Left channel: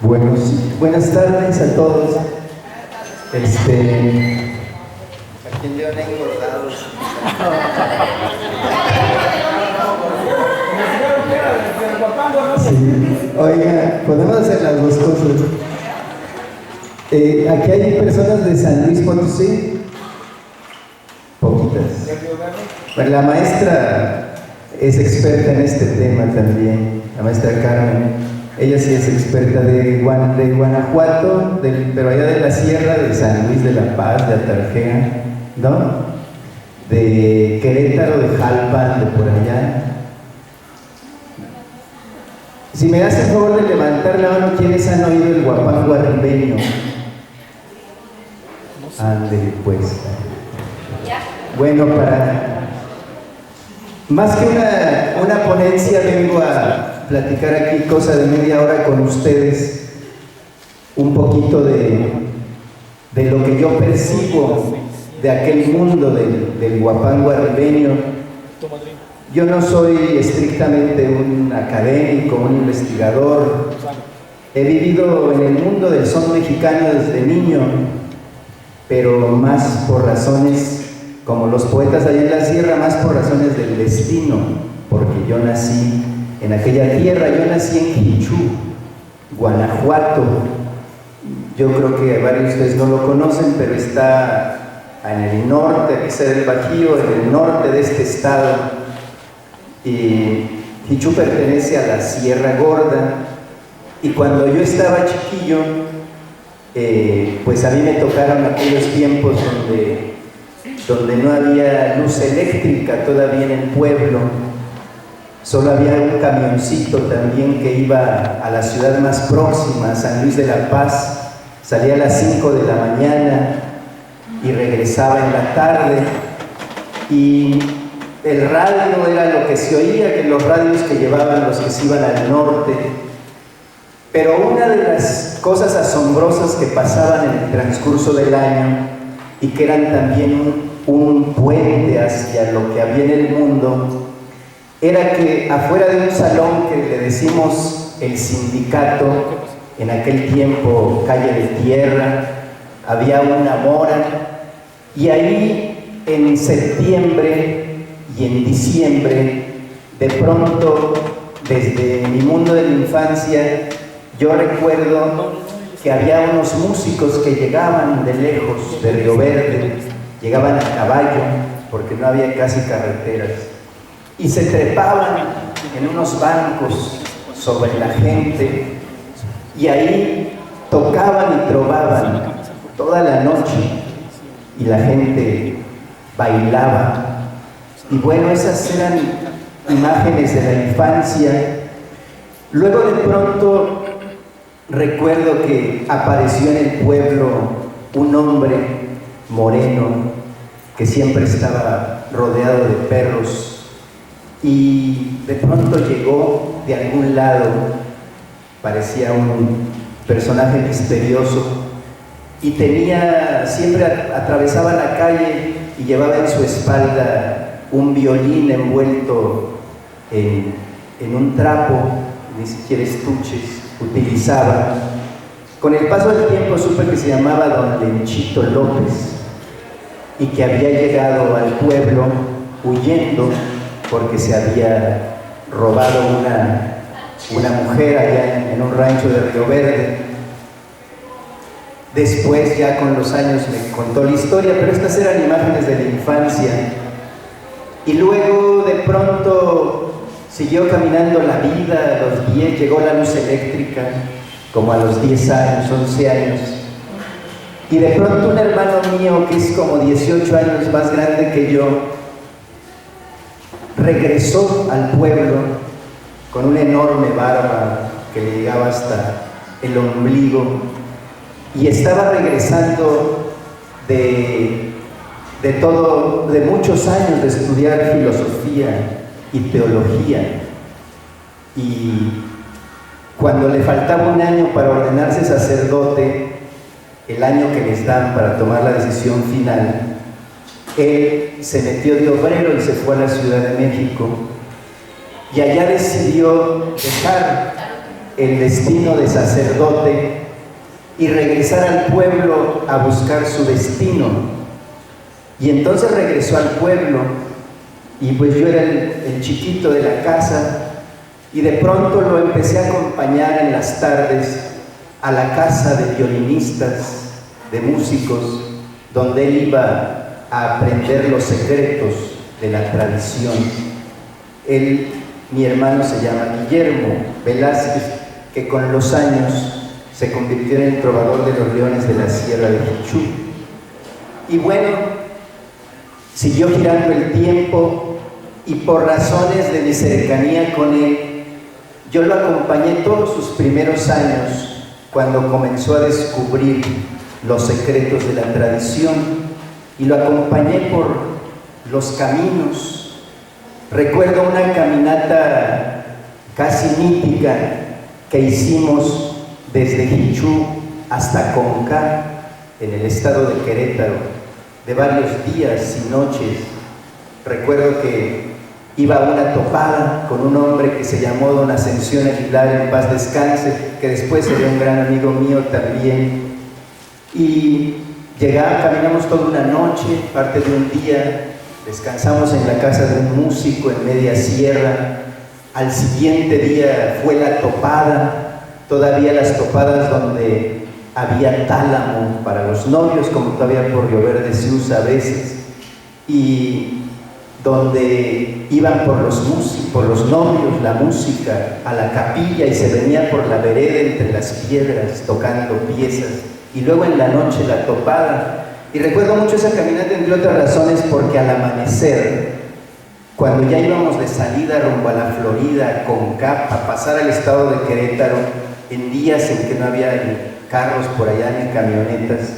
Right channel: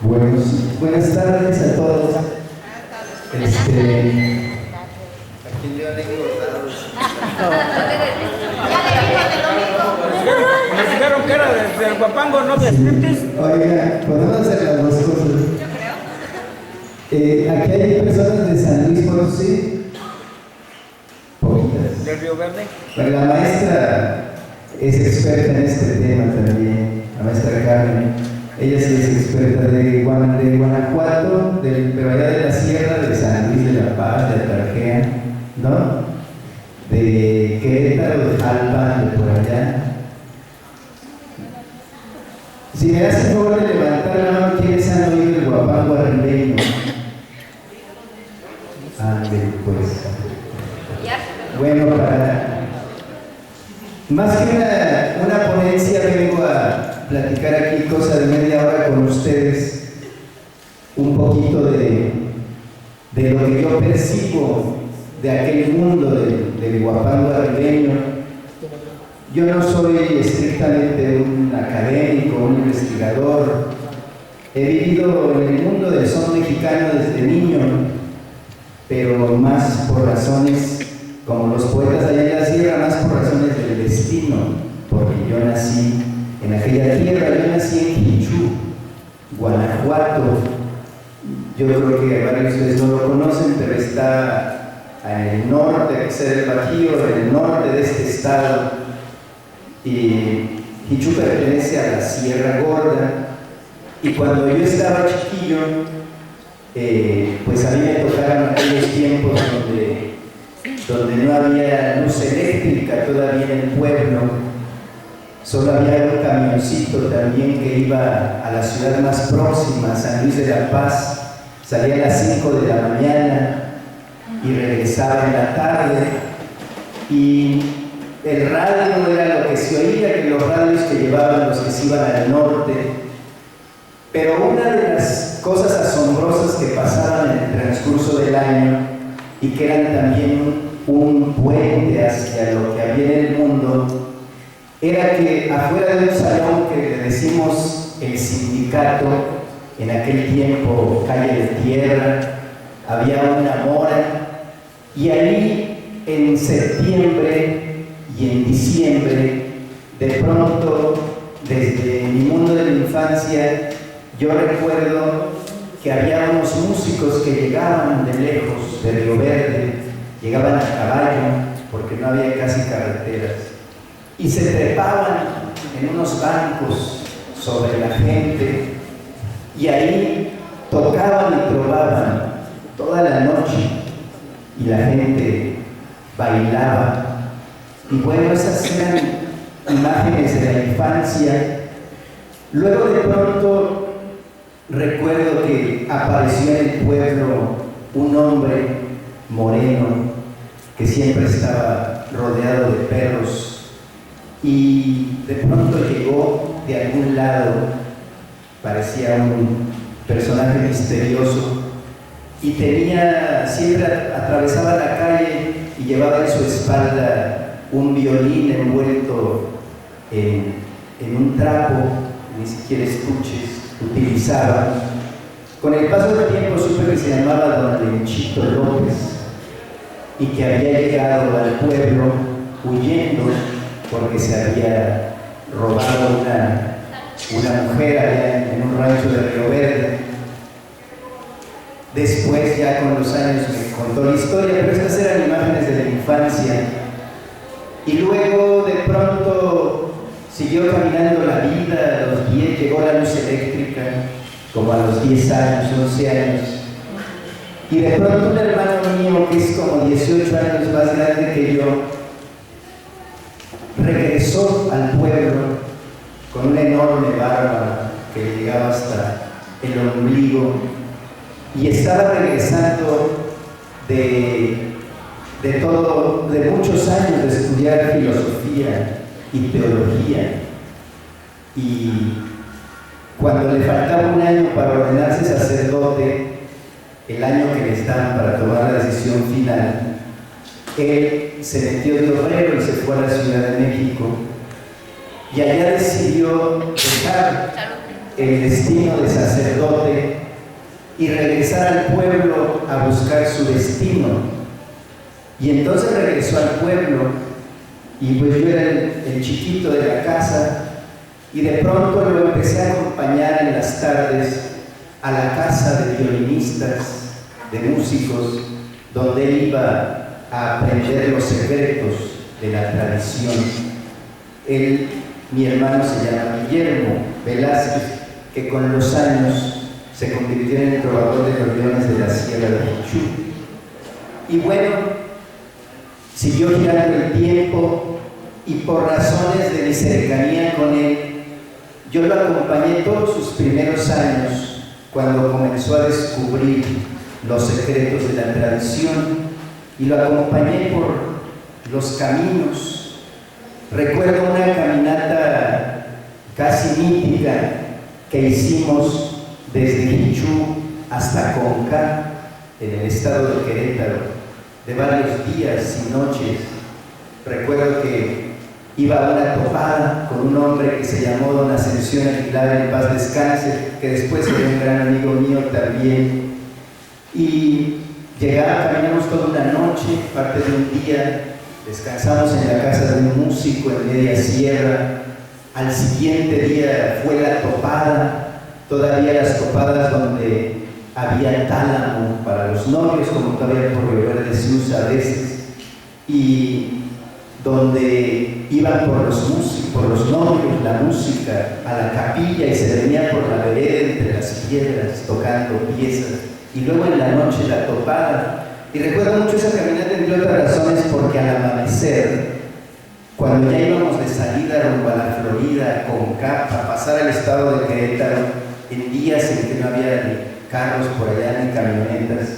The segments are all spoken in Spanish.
Buenas tardes a todos. Aquí en León hay engordados. Me dijeron que era del Guapango, ¿no? Sí. Oiga, podemos hacer las dos cosas. Aquí hay personas de San Luis Potosí. Poquitas. ¿Del Río Verde? Bueno, la maestra es experta en este tema también, la maestra Carmen. Ella sí es experta de Guanajuato, pero allá de la sierra, de San Luis de la Paz, de Atarjea, ¿no? De Querétaro, de Jalpan, de por allá. Si me das el favor de levantar la mano, ¿quiénes han oído el guapango arribeño? Ande, pues. Bueno, más que una ponencia, vengo a platicar aquí cosa de media hora con ustedes, un poquito de lo que yo percibo de aquel mundo del guapango arribeño. Yo no soy estrictamente un académico, un investigador. He vivido en el mundo del son mexicano desde niño, pero más por razones, como los poetas allá en la sierra, más por razones del destino, porque yo nací en aquella tierra. Yo nací en Jichú, Guanajuato. Yo creo que varios de ustedes no lo conocen, pero está en el norte, aquí se del Bajío, en el norte de este estado. Y Jichú pertenece a la Sierra Gorda. Y cuando yo estaba chiquillo, pues a mí me tocaron aquellos tiempos donde no había luz eléctrica todavía en el pueblo. Solo había un camioncito también que iba a la ciudad más próxima, San Luis de la Paz. Salía a las 5 de la mañana y regresaba en la tarde. Y el radio era lo que se oía, que los radios que llevaban los que se iban al norte. Pero una de las cosas asombrosas que pasaban en el transcurso del año y que eran también un puente hacia lo que había en el mundo, era que afuera de un salón que le decimos el sindicato, en aquel tiempo calle de tierra, había una mora, y ahí en septiembre y en diciembre, de pronto, desde mi mundo de la infancia, yo recuerdo que había unos músicos que llegaban de lejos, de Río Verde, llegaban a caballo, porque no había casi carreteras, y se trepaban en unos bancos sobre la gente, y ahí tocaban y trovaban toda la noche, y la gente bailaba. Y bueno, esas eran imágenes de la infancia. Luego de pronto recuerdo que apareció en el pueblo un hombre moreno que siempre estaba rodeado de perros, y de pronto llegó de algún lado, parecía un personaje misterioso, y siempre atravesaba la calle y llevaba en su espalda un violín envuelto en un trapo, ni siquiera estuches utilizaba. Con el paso del tiempo supe que se llamaba Don Lenchito López y que había llegado al pueblo huyendo porque se había robado una mujer allá en un rancho de Río Verde. Después, ya con los años, me contó la historia, pero estas eran imágenes de la infancia. Y luego, de pronto, siguió caminando la vida. A los 10 llegó la luz eléctrica, como a los 10 años, 11 años. Y de pronto un hermano mío, que es como 18 años más grande que yo, regresó al pueblo con una enorme barba que le llegaba hasta el ombligo, y estaba regresando de muchos años de estudiar filosofía y teología. Y cuando le faltaba un año para ordenarse sacerdote, el año que les dan para tomar la decisión final, él se metió de obrero y se fue a la Ciudad de México, y allá decidió dejar el destino de sacerdote y regresar al pueblo a buscar su destino. Y entonces regresó al pueblo, y pues yo era el chiquito de la casa, y de pronto lo empecé a acompañar en las tardes a la casa de violinistas, de músicos, donde él iba a aprender los secretos de la tradición. Mi hermano se llama Guillermo Velázquez, que con los años se convirtió en el trovador de los leones de la Sierra de Jichú. Y bueno, siguió girando el tiempo, y por razones de mi cercanía con él, yo lo acompañé todos sus primeros años, cuando comenzó a descubrir los secretos de la tradición, y lo acompañé por los caminos. Recuerdo una caminata casi mítica que hicimos desde Jichú hasta Conca, en el estado de Querétaro, de varios días y noches. Recuerdo que iba a una topada con un hombre que se llamó Don Ascensión Aguilar, en paz descanse, que después sería un gran amigo mío también. Y caminamos toda una noche, parte de un día, descansamos en la casa de un músico en media sierra. Al siguiente día fue la topada, todavía las topadas donde había tálamo para los novios, como todavía por Río Verde se usa a veces, y donde iban por los novios la música a la capilla, y se venía por la vereda entre las piedras tocando piezas, y luego en la noche la topada. Y recuerdo mucho esa caminata, entre otras razones, porque al amanecer, cuando ya íbamos de salida rumbo a la Florida, con Conca, a pasar al estado de Querétaro, en días en que no había ni carros por allá, ni camionetas,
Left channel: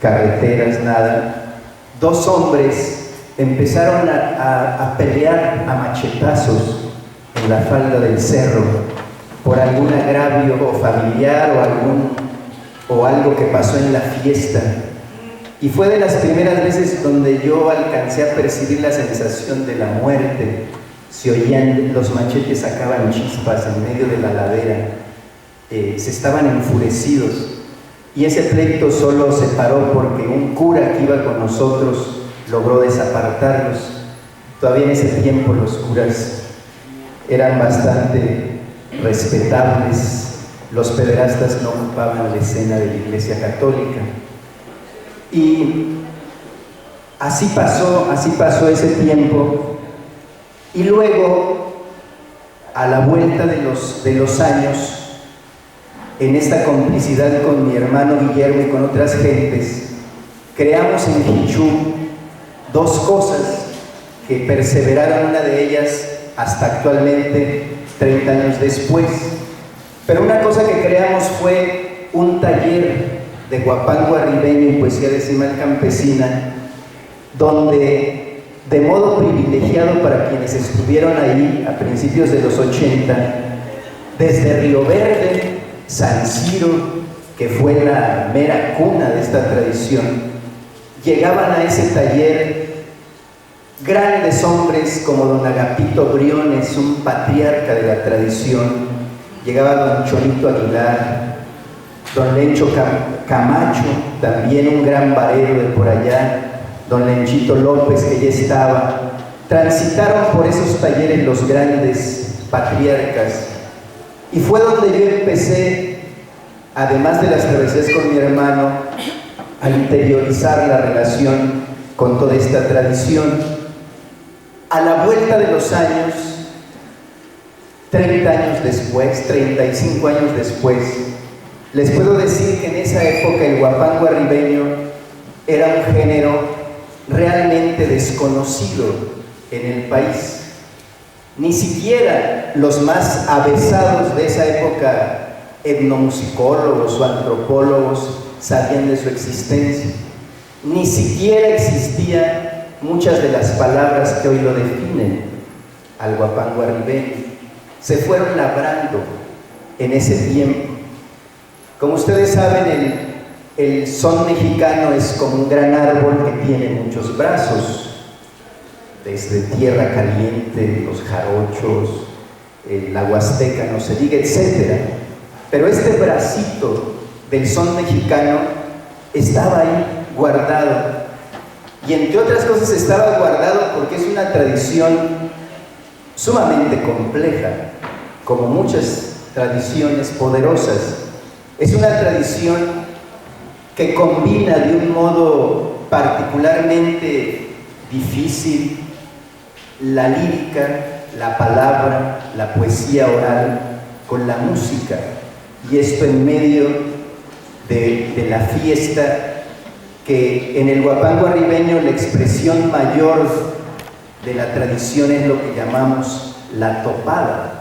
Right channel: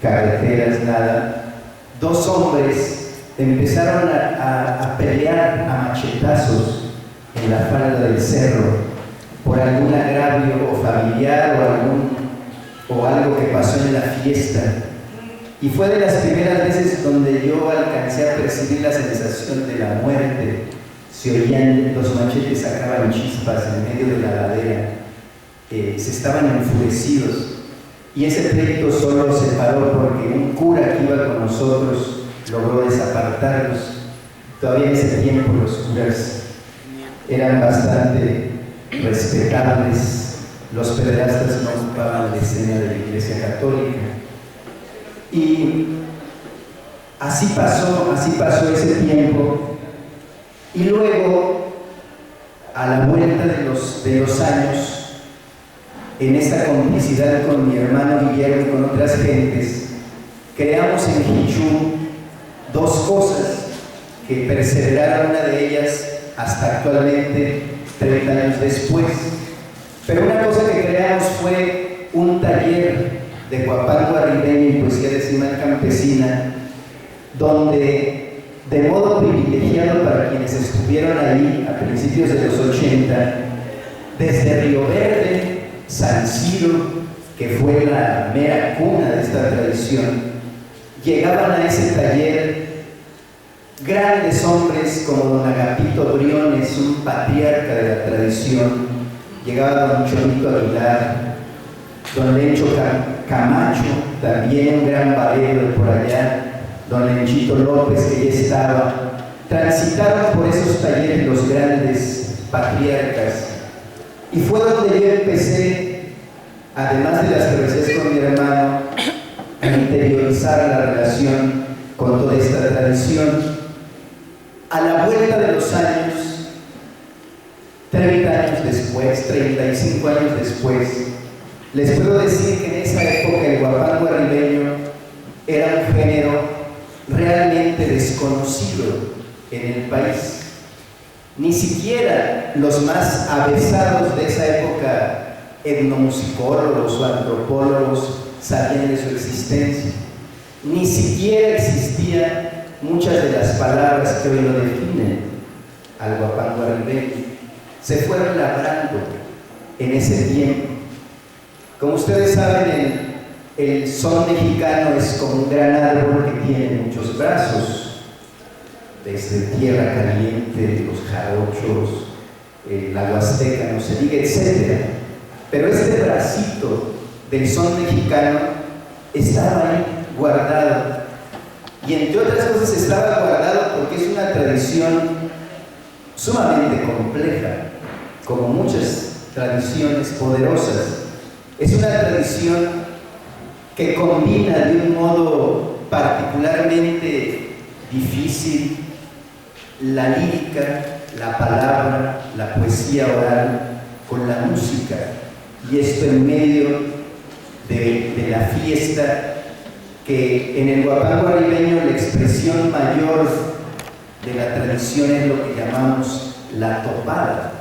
carreteras, nada, dos hombres empezaron a pelear a machetazos en la falda del cerro por algún agravio o familiar o algo que pasó en la fiesta. Y fue de las primeras veces donde yo alcancé a percibir la sensación de la muerte. Se oían, los machetes sacaban chispas en medio de la ladera, se estaban enfurecidos, y ese pleito solo se paró porque un cura que iba con nosotros logró desapartarlos. Todavía en ese tiempo los curas eran bastante respetables, los pederastas no ocupaban la escena de la Iglesia Católica. Y así pasó ese tiempo, y luego, a la vuelta de los años, en esta complicidad con mi hermano Guillermo y con otras gentes, creamos en Jichú dos cosas que perseveraron, una de ellas hasta actualmente, 30 años después. Pero una cosa que creamos fue un taller de guapango arribeño y poesía decimal campesina, donde, de modo privilegiado para quienes estuvieron ahí a principios de los 80, desde Río Verde, San Ciro, que fue la mera cuna de esta tradición, llegaban a ese taller grandes hombres como don Agapito Briones, un patriarca de la tradición, llegaba don Chonito Aguilar, don Lencho Camacho, también un gran barero de por allá, don Lenchito López, que ya estaba. Transitaron por esos talleres los grandes patriarcas, y fue donde yo empecé, además de las travesías con mi hermano, a interiorizar la relación con toda esta tradición. A la vuelta de los años, 30 años después, 35 años después, les puedo decir que en esa época el guapango arribeño era un género realmente desconocido en el país. Ni siquiera los más avesados de esa época, etnomusicólogos o antropólogos, sabían de su existencia. Ni siquiera existían muchas de las palabras que hoy lo definen al guapango arribeño. Se fueron labrando en ese tiempo. Como ustedes saben, el son mexicano es como un gran árbol que tiene muchos brazos, desde tierra caliente, los jarochos, la huasteca, no se diga, etc. Pero este bracito del son mexicano estaba ahí guardado. Y entre otras cosas estaba guardado porque es una tradición sumamente compleja, como muchas tradiciones poderosas. Es una tradición que combina de un modo particularmente difícil la lírica, la palabra, la poesía oral con la música, y esto en medio de la fiesta, que en el huapango arribeño la expresión mayor de la tradición es lo que llamamos la topada,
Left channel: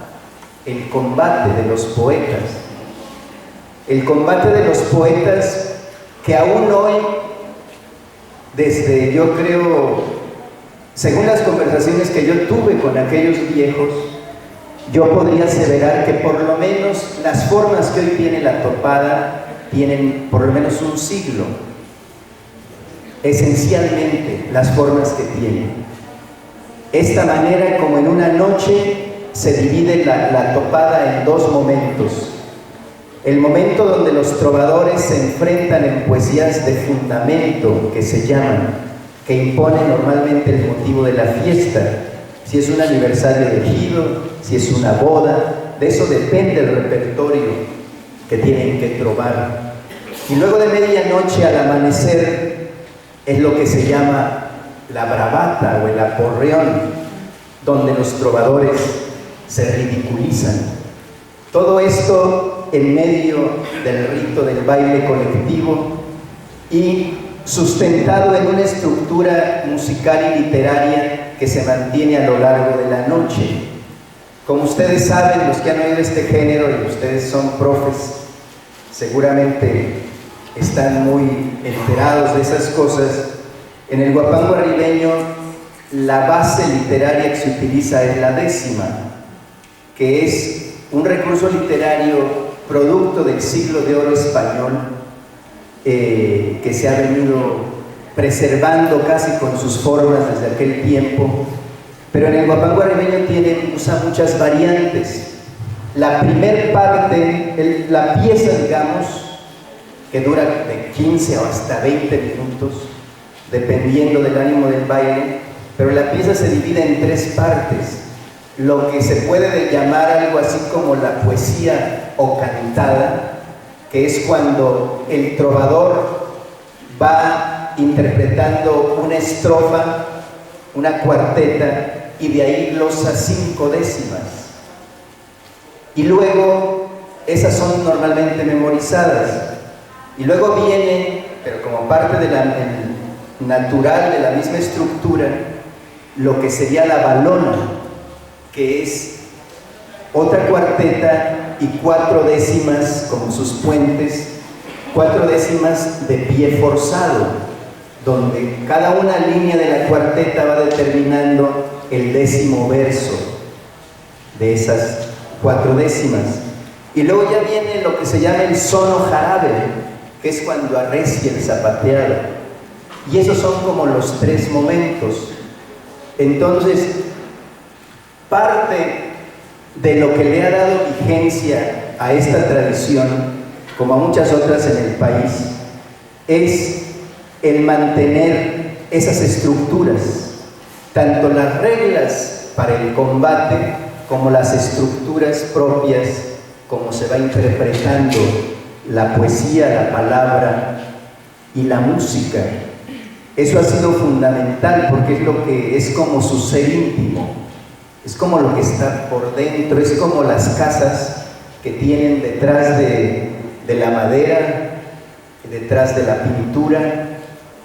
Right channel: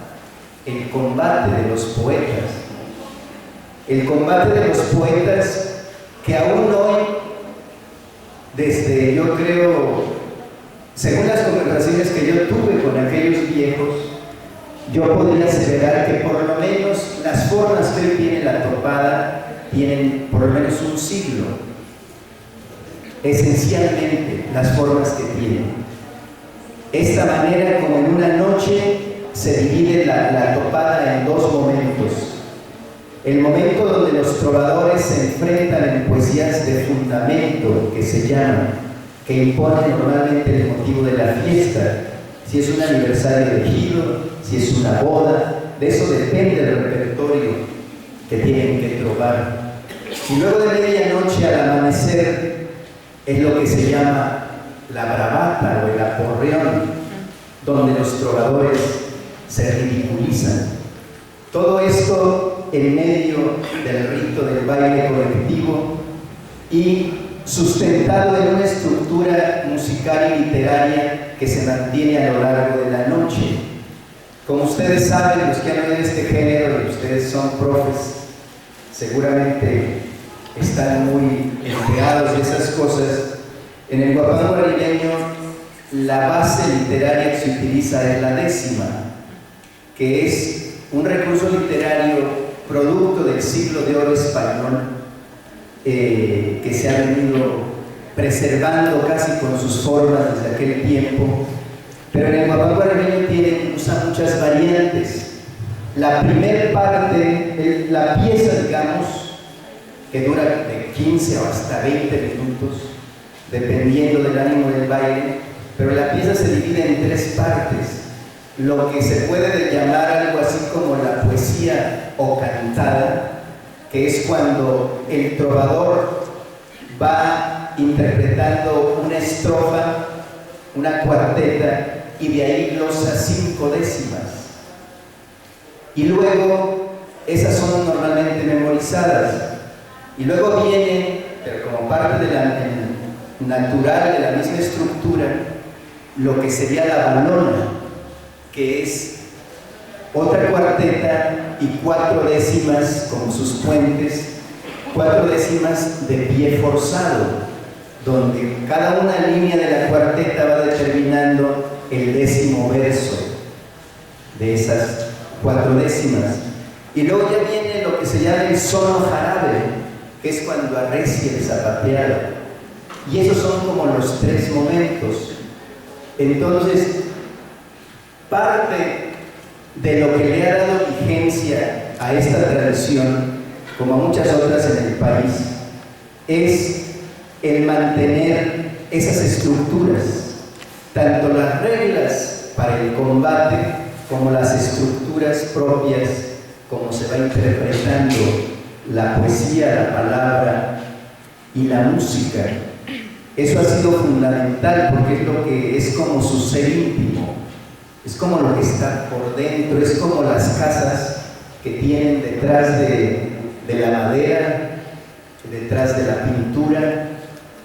el combate de los poetas. El combate de los poetas que aún hoy, desde, yo creo, según las conversaciones que yo tuve con aquellos viejos, yo podría aseverar que por lo menos las formas que hoy tiene la topada tienen por lo menos un siglo. Esencialmente, las formas que tienen. Esta manera, como en una noche, se divide la topada en dos momentos. El momento donde los trovadores se enfrentan en poesías de fundamento, que se llaman, que imponen normalmente el motivo de la fiesta, si es un aniversario de ejido, si es una boda, de eso depende el repertorio que tienen que trovar. Y luego de medianoche al amanecer es lo que se llama la bravata o el aporreón, donde los trovadores se ridiculizan. Todo esto en medio del rito del baile colectivo y sustentado en una estructura musical y literaria que se mantiene a lo largo de la noche. Como ustedes saben, los que han oído este género, y ustedes son profes, seguramente están muy enterados de esas cosas. En el huapango arribeño, la base literaria que se utiliza es la décima, que es un recurso literario producto del siglo de oro español, que se ha venido preservando casi con sus formas desde aquel tiempo. Pero en el huapango arribeño usa muchas variantes. La primer parte, la pieza, digamos, que dura de 15 o hasta 20 minutos, dependiendo del ánimo del baile, pero la pieza se divide en tres partes. Lo que se puede llamar algo así como la poesía o cantada, que es cuando el trovador va interpretando una estrofa, una cuarteta, y de ahí glosa 5 décimas. Y luego, esas son normalmente memorizadas. Y luego viene, pero como parte de natural de la misma estructura, lo que sería la balona, que es otra cuarteta y 4 décimas como sus puentes, 4 décimas de pie forzado, donde cada una línea de la cuarteta va determinando el 10º verso de esas 4 décimas. Y luego ya viene lo que se llama el sono jarabe, que es cuando arrecia el zapateado. Y esos son como los 3 momentos. Entonces, parte de lo que le ha dado vigencia a esta tradición, como a muchas otras en el país, es el mantener esas estructuras, tanto las reglas para el combate como las estructuras propias, como se va interpretando la poesía, la palabra y la música. Eso ha sido fundamental porque es lo que es como su ser íntimo, es como lo que está por dentro, es como las casas que tienen detrás de la madera, detrás de la pintura,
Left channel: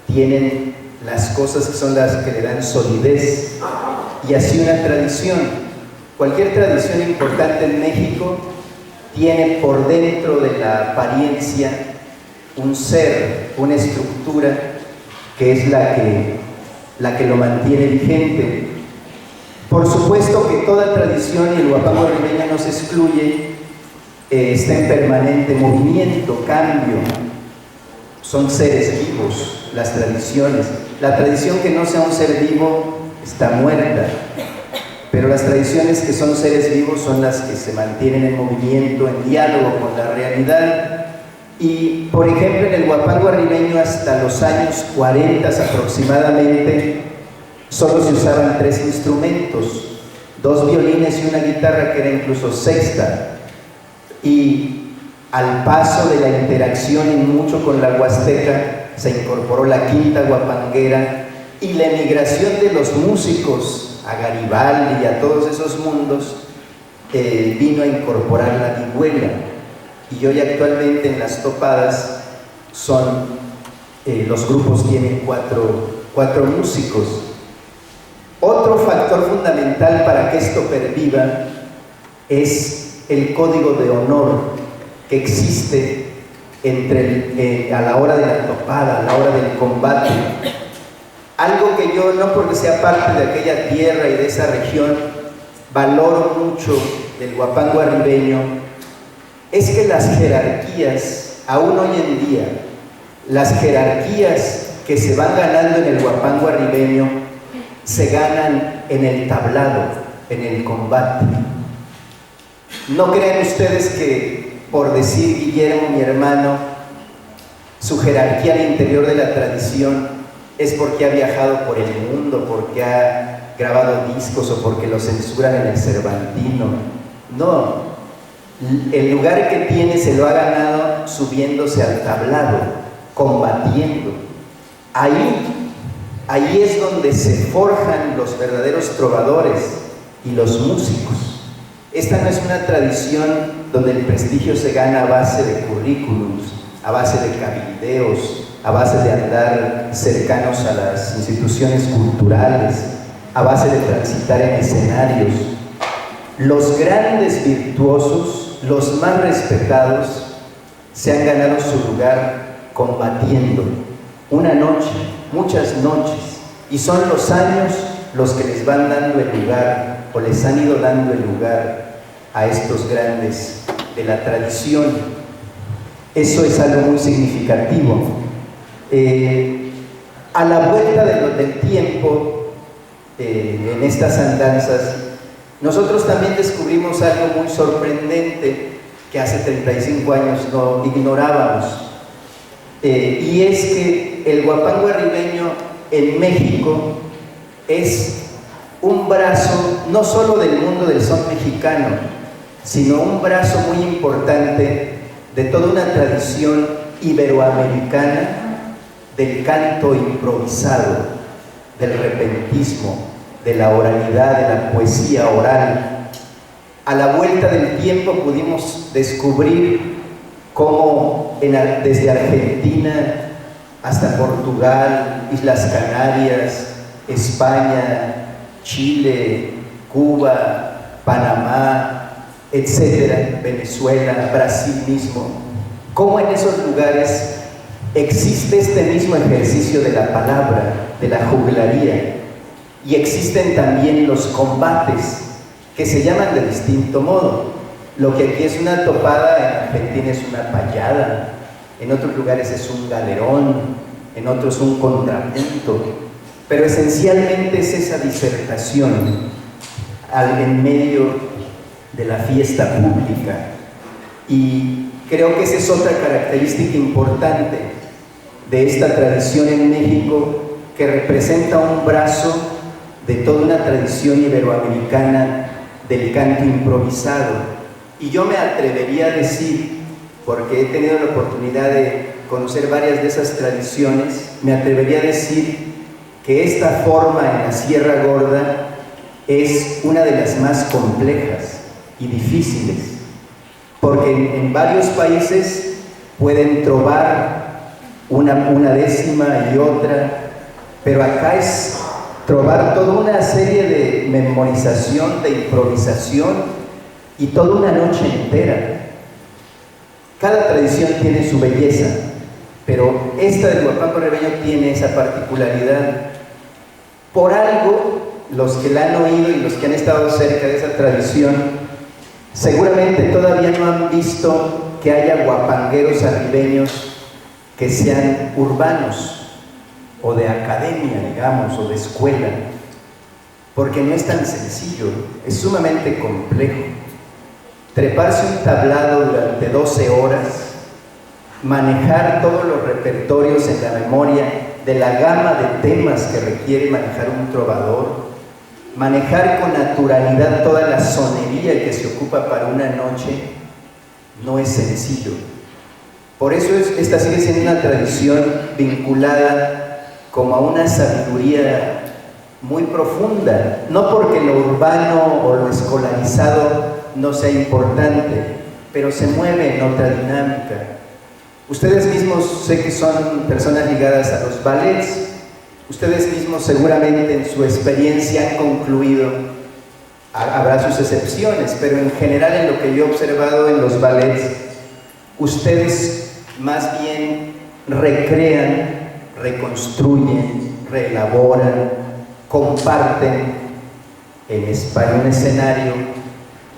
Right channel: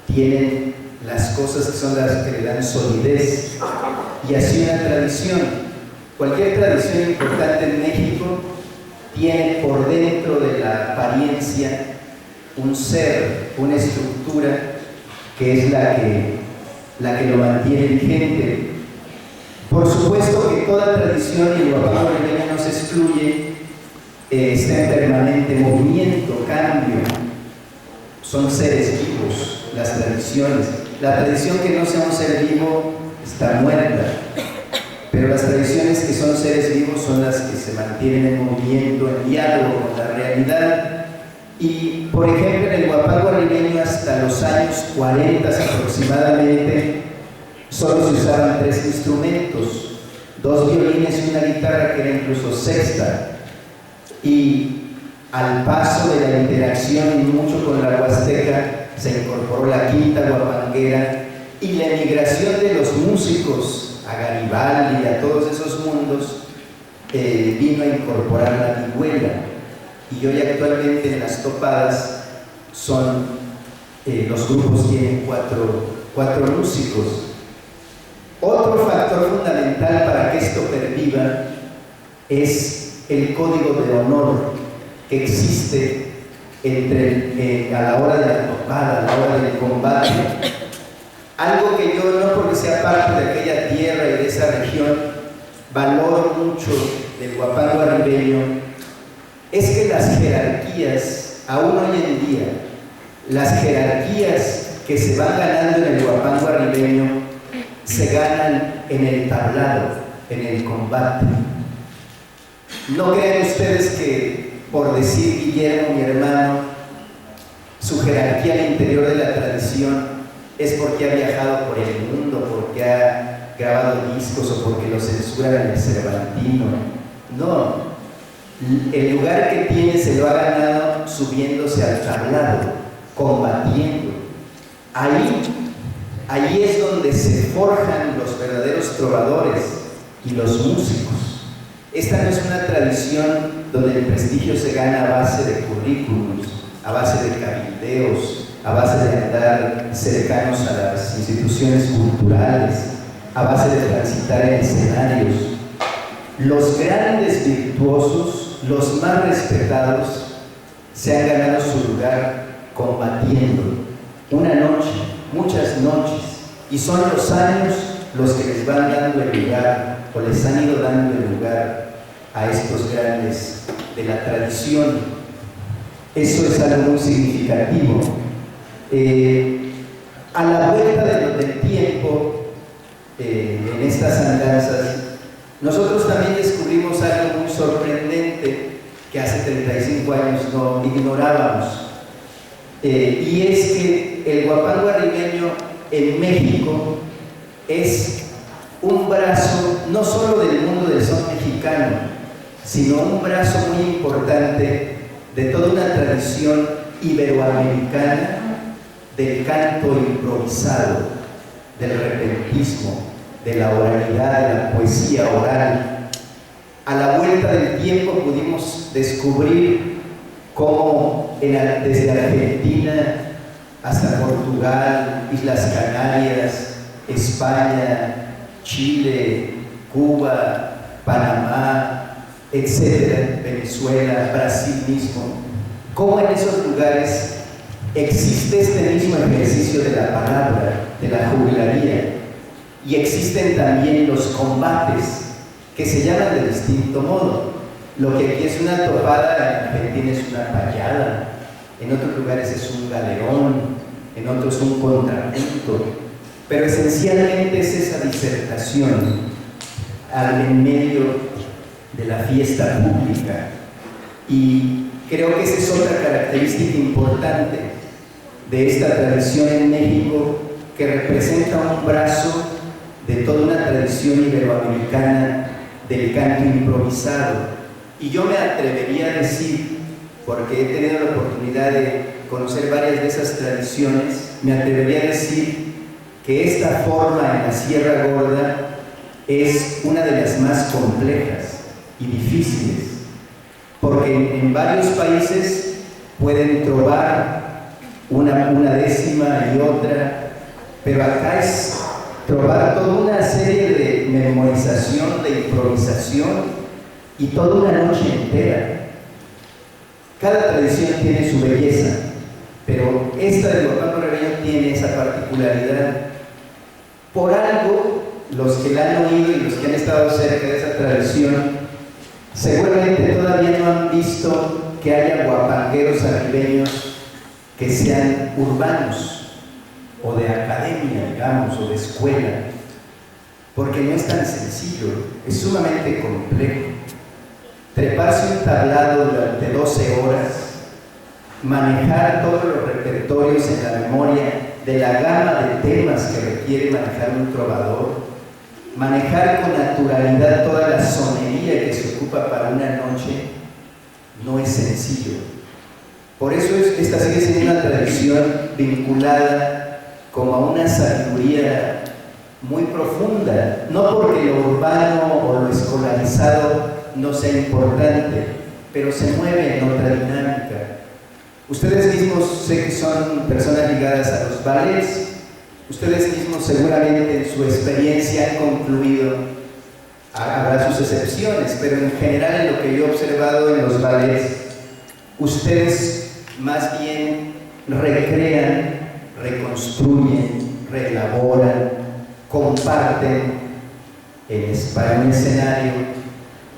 tienen las cosas que son las que le dan solidez, y así una tradición. Cualquier tradición importante en México tiene por dentro de la apariencia un ser, una estructura que es la que lo mantiene vigente. Por supuesto que toda tradición, y el huapango arribeño no se excluye, está en permanente movimiento, cambio. Son seres vivos las tradiciones. La tradición que no sea un ser vivo está muerta, pero las tradiciones que son seres vivos son las que se mantienen en movimiento, en diálogo con la realidad. Y, por ejemplo, en el huapango arribeño hasta los años 40 aproximadamente, solo se usaban 3 instrumentos, 2 violines y una guitarra que era incluso sexta. Y al paso de la interacción y mucho con la huasteca, se incorporó la quinta huapanguera y la emigración de los músicos a Garibaldi y a todos esos mundos vino a incorporar la vihuela. Y hoy actualmente en las topadas los grupos tienen cuatro músicos. Otro factor fundamental para que esto perviva es el código de honor que existe a la hora de la topada, a la hora del combate. Algo que yo, no porque sea parte de aquella tierra y de esa región, valoro mucho del huapango arribeño, es que las jerarquías, aún hoy en día, las jerarquías que se van ganando en el huapango arribeño se ganan en el tablado, en el combate. No crean ustedes que por decir Guillermo, mi hermano, su jerarquía al interior de la tradición es porque ha viajado por el mundo, porque ha grabado discos o porque lo censuran en el Cervantino. No, el lugar que tiene se lo ha ganado subiéndose al tablado, combatiendo. Ahí es donde se forjan los verdaderos trovadores y los músicos. Esta no es una tradición donde el prestigio se gana a base de currículums, a base de cabildeos, a base de andar cercanos a las instituciones culturales, a base de transitar en escenarios. Los grandes virtuosos, los más respetados, se han ganado su lugar combatiendo una noche, muchas noches, y son los años los que les van dando el lugar, o les han ido dando el lugar a estos grandes de la tradición. Eso es algo muy significativo. A la vuelta del tiempo, en estas andanzas, nosotros también descubrimos algo muy sorprendente que hace 35 años no ignorábamos, y es que el huapango arribeño en México es un brazo no solo del mundo del son mexicano, sino un brazo muy importante de toda una tradición iberoamericana del canto improvisado, del repentismo, de la oralidad, de la poesía oral. A la vuelta del tiempo pudimos descubrir cómo desde Argentina hasta Portugal, Islas Canarias, España, Chile, Cuba, Panamá, etcétera, Venezuela, Brasil mismo, cómo en esos lugares existe este mismo ejercicio de la palabra, de la juglaría, y existen también los combates que se llaman de distinto modo. Lo que aquí es una topada, en Argentina es una payada, en otros lugares es un galerón, en otros un contrapunto, pero esencialmente es esa disertación en medio de la fiesta pública. Y creo que esa es otra característica importante de esta tradición en México, que representa un brazo de toda una tradición iberoamericana del canto improvisado. Y yo me atrevería a decir, porque he tenido la oportunidad de conocer varias de esas tradiciones, me atrevería a decir que esta forma en la Sierra Gorda es una de las más complejas y difíciles, porque en varios países pueden trovar una décima y otra, pero acá es trovar toda una serie de memorización, de improvisación y toda una noche entera. Cada tradición tiene su belleza, pero esta del huapango arribeño tiene esa particularidad. Por algo, los que la han oído y los que han estado cerca de esa tradición, seguramente todavía no han visto que haya huapangueros arribeños que sean urbanos o de academia, digamos, o de escuela, porque no es tan sencillo, es sumamente complejo. Treparse un tablado durante 12 horas, manejar todos los repertorios en la memoria de la gama de temas que requiere manejar un trovador, manejar con naturalidad toda la sonería que se ocupa para una noche, no es sencillo. Por eso esta sigue siendo una tradición vinculada como a una sabiduría muy profunda, no porque lo urbano o lo escolarizado no sea importante, pero se mueve en otra dinámica. Ustedes mismos sé que son personas ligadas a los ballets, ustedes mismos seguramente en su experiencia han concluido, habrá sus excepciones, pero en general en lo que yo he observado en los ballets, ustedes más bien recrean, reconstruyen, reelaboran, comparten en un escenario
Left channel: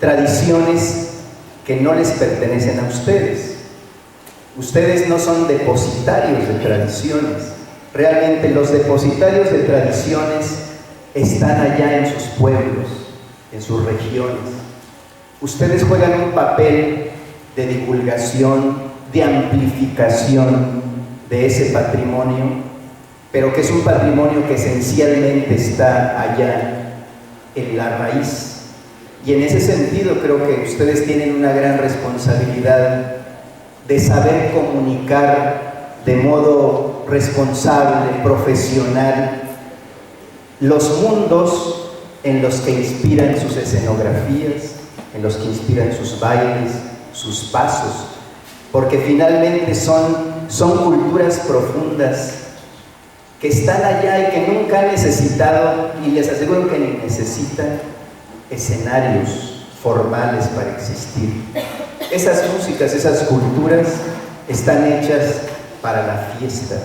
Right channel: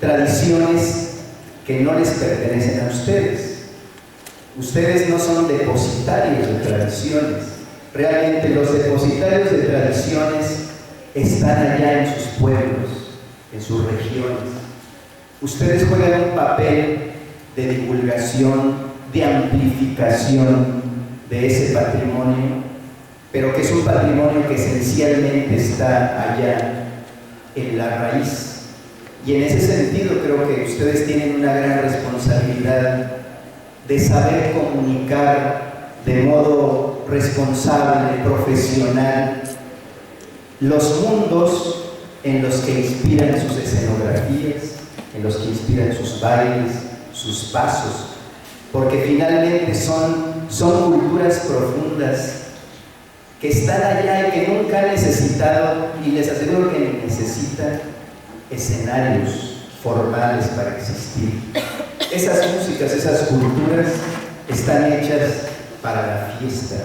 tradiciones que no les pertenecen a ustedes. Ustedes no son depositarios de tradiciones. Realmente los depositarios de tradiciones están allá en sus pueblos, en sus regiones. Ustedes juegan un papel de divulgación, de amplificación de ese patrimonio, pero que es un patrimonio que esencialmente está allá en la raíz. Y en ese sentido creo que ustedes tienen una gran responsabilidad de saber comunicar de modo responsable, profesional, los mundos en los que inspiran sus escenografías, en los que inspiran sus bailes, sus pasos, porque finalmente son culturas profundas que están allá y que nunca han necesitado, y les aseguro que ni necesitan, escenarios formales para existir. Esas músicas, esas culturas están hechas para la fiesta,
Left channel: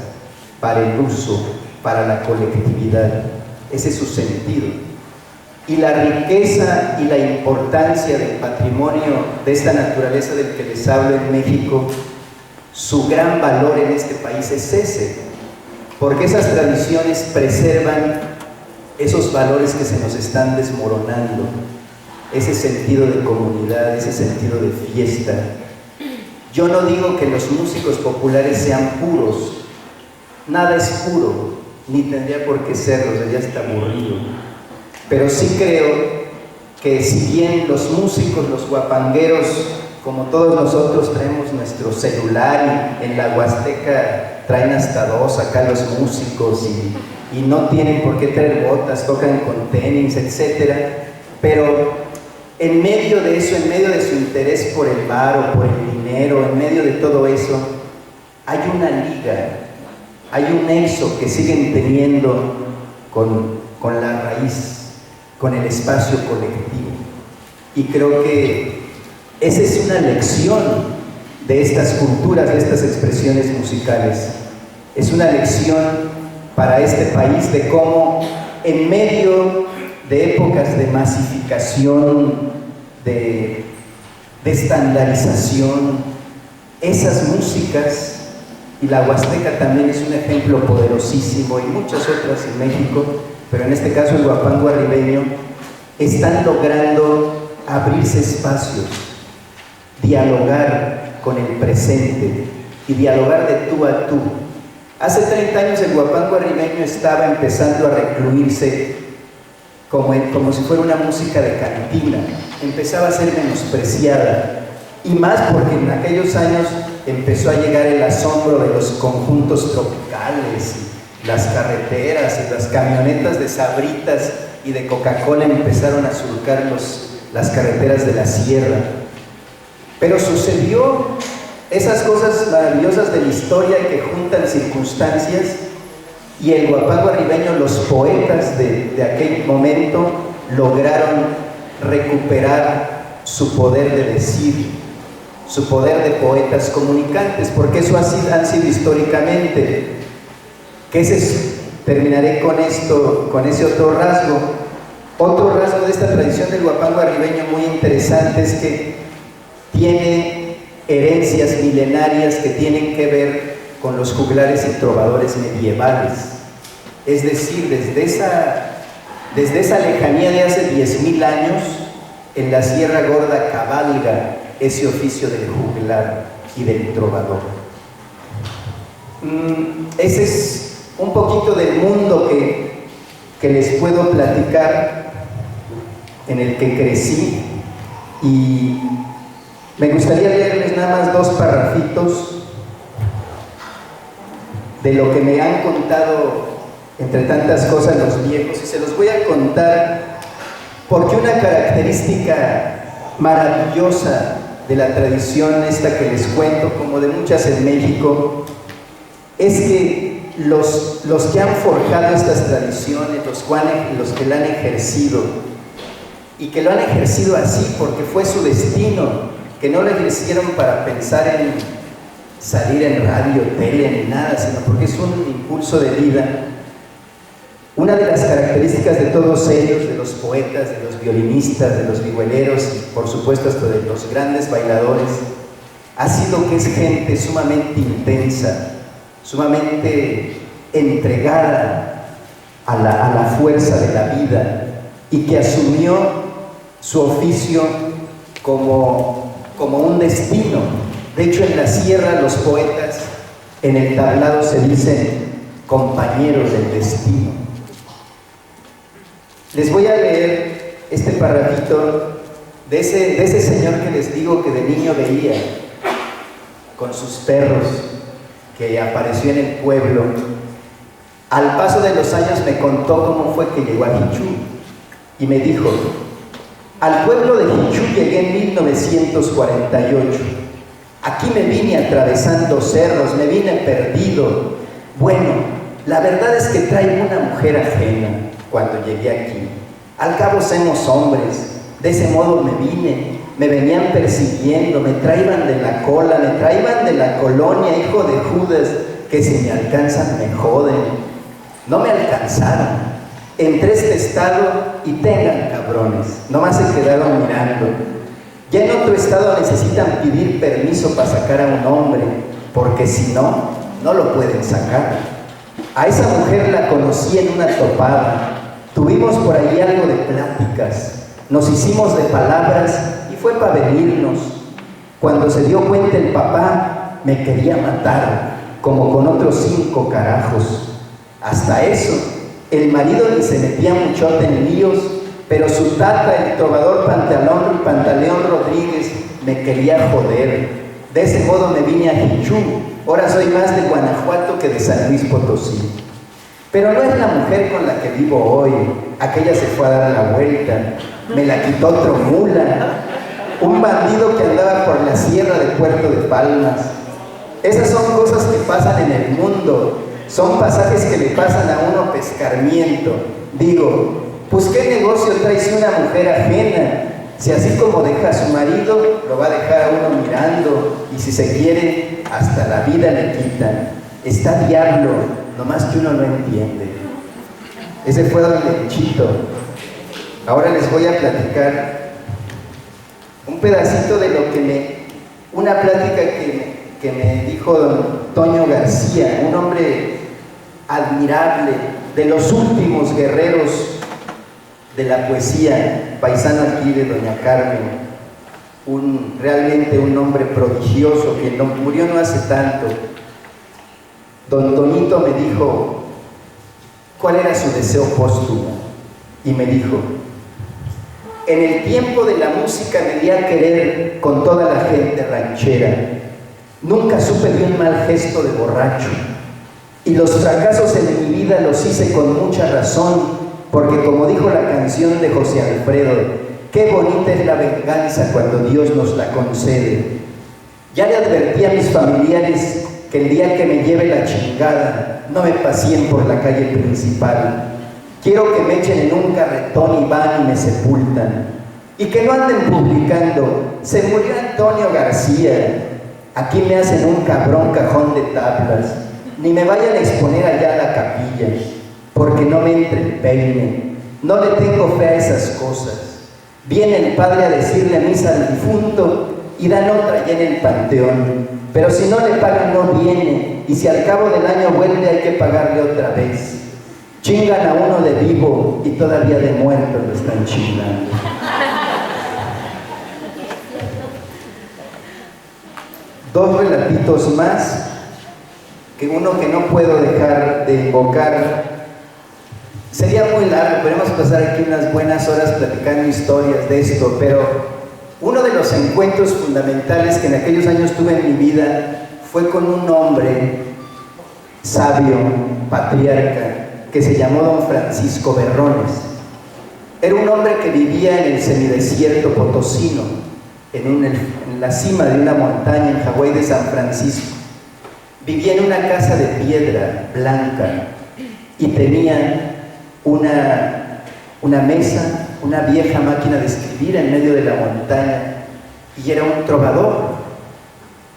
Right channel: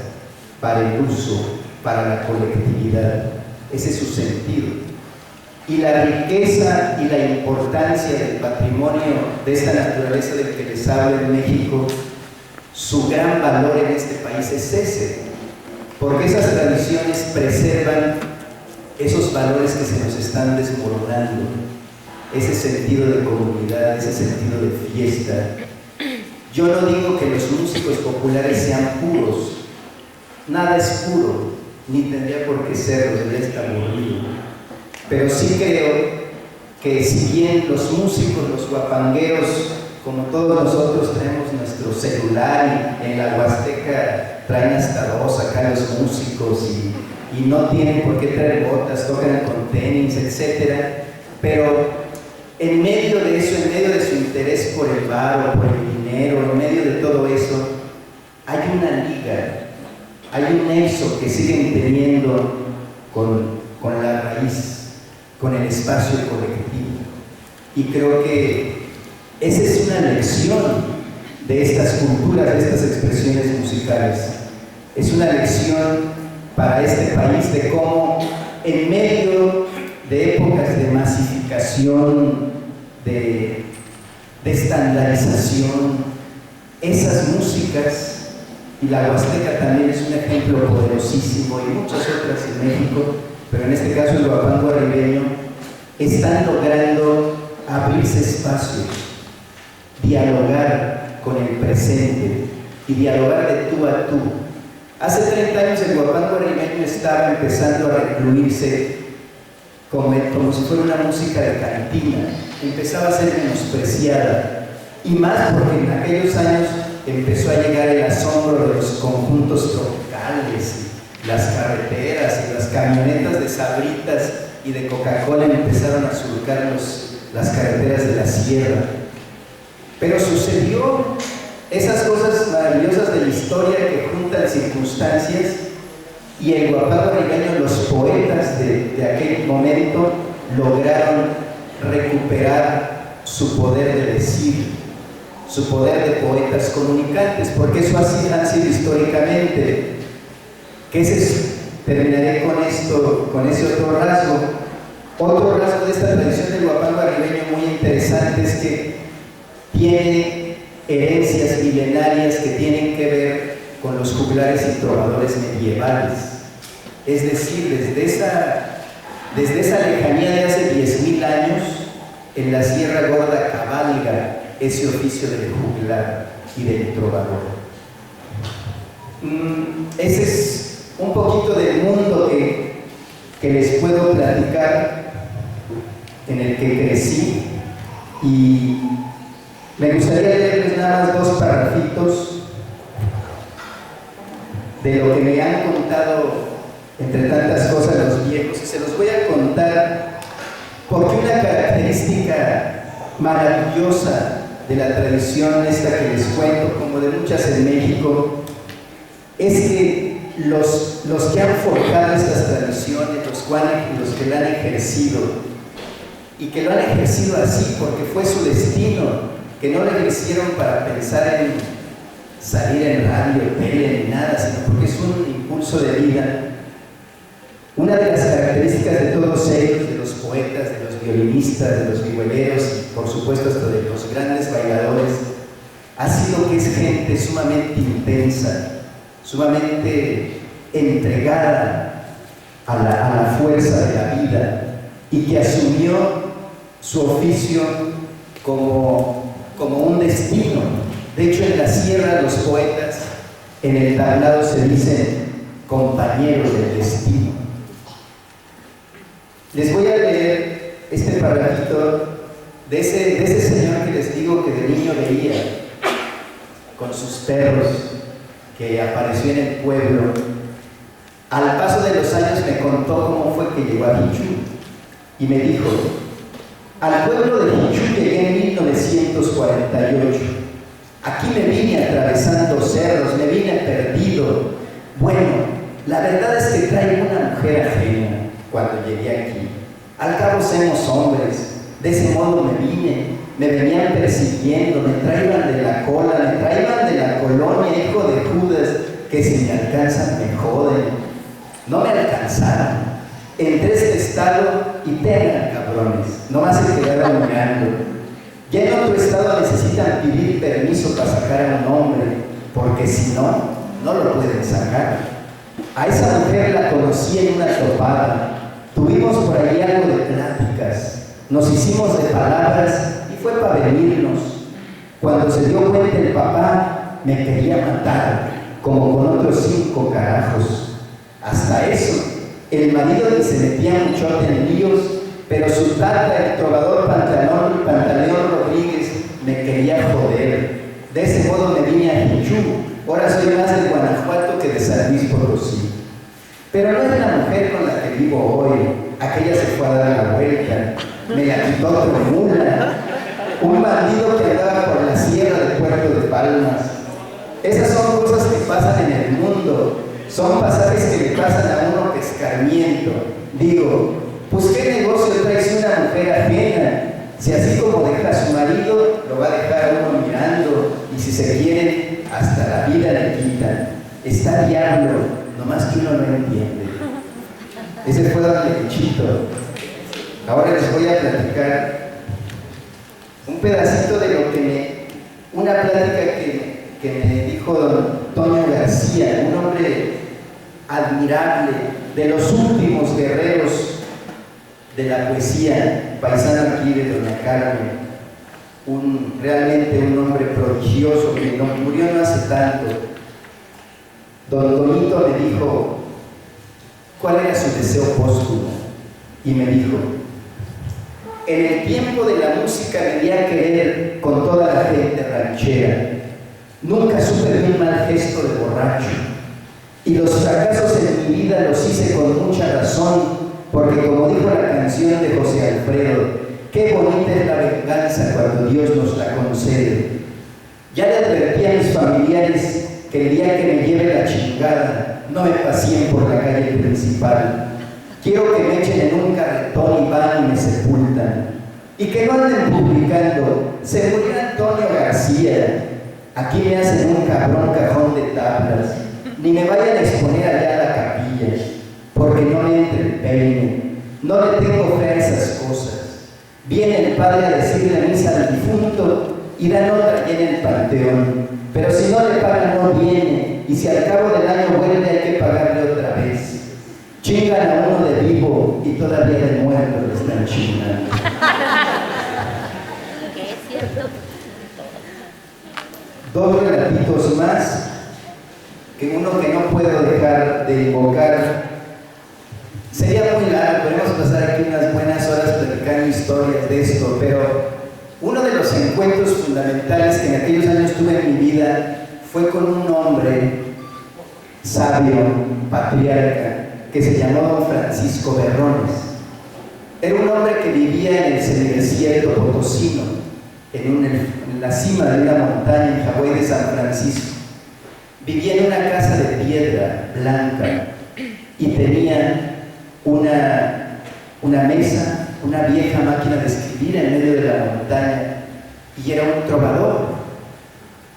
para el uso, para la colectividad. Ese es su sentido. Y la riqueza y la importancia del patrimonio de esta naturaleza del que les hablo en México, su gran valor en este país es ese, porque esas tradiciones preservan esos valores que se nos están desmoronando, ese sentido de comunidad, ese sentido de fiesta. Yo no digo que los músicos populares sean puros, nada es puro, ni tendría por qué serlo, sería hasta aburrido. Pero sí creo que si bien los músicos, los guapangueros, como todos nosotros traemos nuestro celular y en la Huasteca traen hasta dos acá los músicos y no tienen por qué traer botas, tocan con tenis, etc. Pero en medio de eso, en medio de su interés por el bar o por el dinero, en medio de todo eso, hay una liga, hay un nexo que siguen teniendo con la raíz, con el espacio colectivo. Y creo que esa es una lección de estas culturas, de estas expresiones musicales. Es una lección para este país de cómo en medio de épocas de masificación, de estandarización, esas músicas, y la Huasteca también es un ejemplo poderosísimo, y muchas otras en México, pero en este caso el guapango arribeño, están logrando abrirse espacios, dialogar con el presente y dialogar de tú a tú. Hace 30 años el guapango arribeño estaba empezando a recluirse como si fuera una música de cantina, empezaba a ser menospreciada, y más porque en aquellos años empezó a llegar el asombro de los conjuntos tropicales, y las carreteras y las camionetas de Sabritas y de Coca-Cola empezaron a surcar las carreteras de la sierra. Pero sucedió esas cosas maravillosas de la historia que juntan circunstancias, y el guapango arribeño, los poetas de aquel momento lograron recuperar su poder de decir, su poder de poetas comunicantes, porque eso han sido históricamente. Terminaré con esto, con ese otro rasgo. Otro rasgo de esta tradición del guapango arribeño muy interesante es que tiene herencias milenarias que tienen que ver con los juglares y trovadores medievales. Es decir, desde esa Desde esa lejanía de hace 10,000 años, en la Sierra Gorda cabalga ese oficio del juglar y del trovador. Ese es un poquito del mundo que les puedo platicar, en el que crecí, y me gustaría leerles nada más 2 parrafitos de lo que me han contado entre tantas cosas los viejos, y se los voy a contar porque una característica maravillosa de la tradición esta que les cuento, como de muchas en México, es que los que han forjado estas tradiciones, los que la han ejercido, y que lo han ejercido así porque fue su destino, que no les hicieron para pensar en salir en radio, tele, ni nada, sino porque es un impulso de vida. Una de las características de todos ellos, de los poetas, de los violinistas, de los vihueleros y por supuesto hasta de los grandes bailadores, ha sido que es gente sumamente intensa, sumamente entregada a la fuerza de la vida, y que asumió su oficio como un destino. De hecho, en la sierra los poetas en el tablado se dicen compañeros del destino. Les voy a leer este parrafito de ese señor que les digo que de niño veía con sus perros, que apareció en el pueblo. Al paso de los años me contó cómo fue que llegó a Jichú y me dijo: al pueblo de Jichú llegué en 1948. Aquí me vine atravesando cerros, me vine perdido. Bueno, la verdad es que traigo una mujer ajena cuando llegué aquí. Al cabo somos hombres, de ese modo me vine. Me venían persiguiendo, me traían de la cola, me traían de la colonia, hijo de Judas, que si me alcanzan me joden. No me alcanzaron. Entré a este estado y tengan cabrones, nomás se quedaron mirando. Ya en otro estado necesitan pedir permiso para sacar a un hombre, porque si no, no lo pueden sacar. A esa mujer la conocí en una topada, tuvimos por ahí algo de pláticas, nos hicimos de palabras y fue para venirnos. Cuando se dio cuenta el papá, me quería matar, como con otros 5 carajos. Hasta eso, el marido ni se metía mucho en líos, pero su tata, el trovador Pantaleón Rodríguez, me quería joder. De ese modo me vine a Jichú. Ahora soy más de Guanajuato que de San Luis Potosí. Pero no es la mujer con la que vivo hoy. Aquella se fue a dar la vuelta. Me la quitó otro mula, un bandido que andaba por la sierra de Puerto de Palmas. Esas son cosas que pasan en el mundo. Son pasajes que le pasan a uno pescarmiento. Digo, pues ¿qué negocio traes una mujer ajena? Si así como deja a su marido, lo va a dejar a uno mirando, y si se quiere, hasta la vida le quitan. Está diablo, nomás que uno no entiende. Ese fue don Lenchito. Ahora les voy a platicar un pedacito de lo que una plática que me dijo don Toño García, un hombre admirable, de los últimos guerreros de la poesía, paisano aquí de doña Carmen, realmente un hombre prodigioso que murió no hace tanto. Don Tonito me dijo cuál era su deseo póstumo, y me dijo: en el tiempo de la música me di a querer con toda la gente ranchera. Nunca supe de un mal gesto de borracho, y los fracasos en mi vida los hice con mucha razón, porque como dijo la canción de José Alfredo, qué bonita es la venganza cuando Dios nos la concede. Ya le advertí a mis familiares que el día que me lleve la chingada, no me paseen por la calle principal. Quiero que me echen en un carretón y van y me sepultan. Y que no anden publicando, se murió Antonio García. Aquí me hacen un cabrón cajón de tablas. Ni me vayan a exponer allá a la capilla, porque no me entre el peine. No le tengo fe a esas cosas. Viene el padre a decirle a misa al difunto y dan otra allá en el panteón. Pero si no le pagan no viene, y si al cabo del año vuelve hay que pagarle otra vez. Chingan a uno de vivo y todavía de muerto lo están chingando. Dos relatitos más, que uno que no puedo dejar de invocar. Sería muy largo, podemos pasar aquí unas buenas horas platicando historias de esto, pero uno de los encuentros fundamentales que en aquellos años tuve en mi vida fue con un hombre sabio, patriarca, que se llamó Don Francisco Berrones. Era un hombre que vivía en el semidesierto potosino, en la cima de una montaña en Hawái de San Francisco. Vivía en una casa de piedra blanca y tenía una mesa, una vieja máquina de escribir en medio de la montaña, y era un trovador.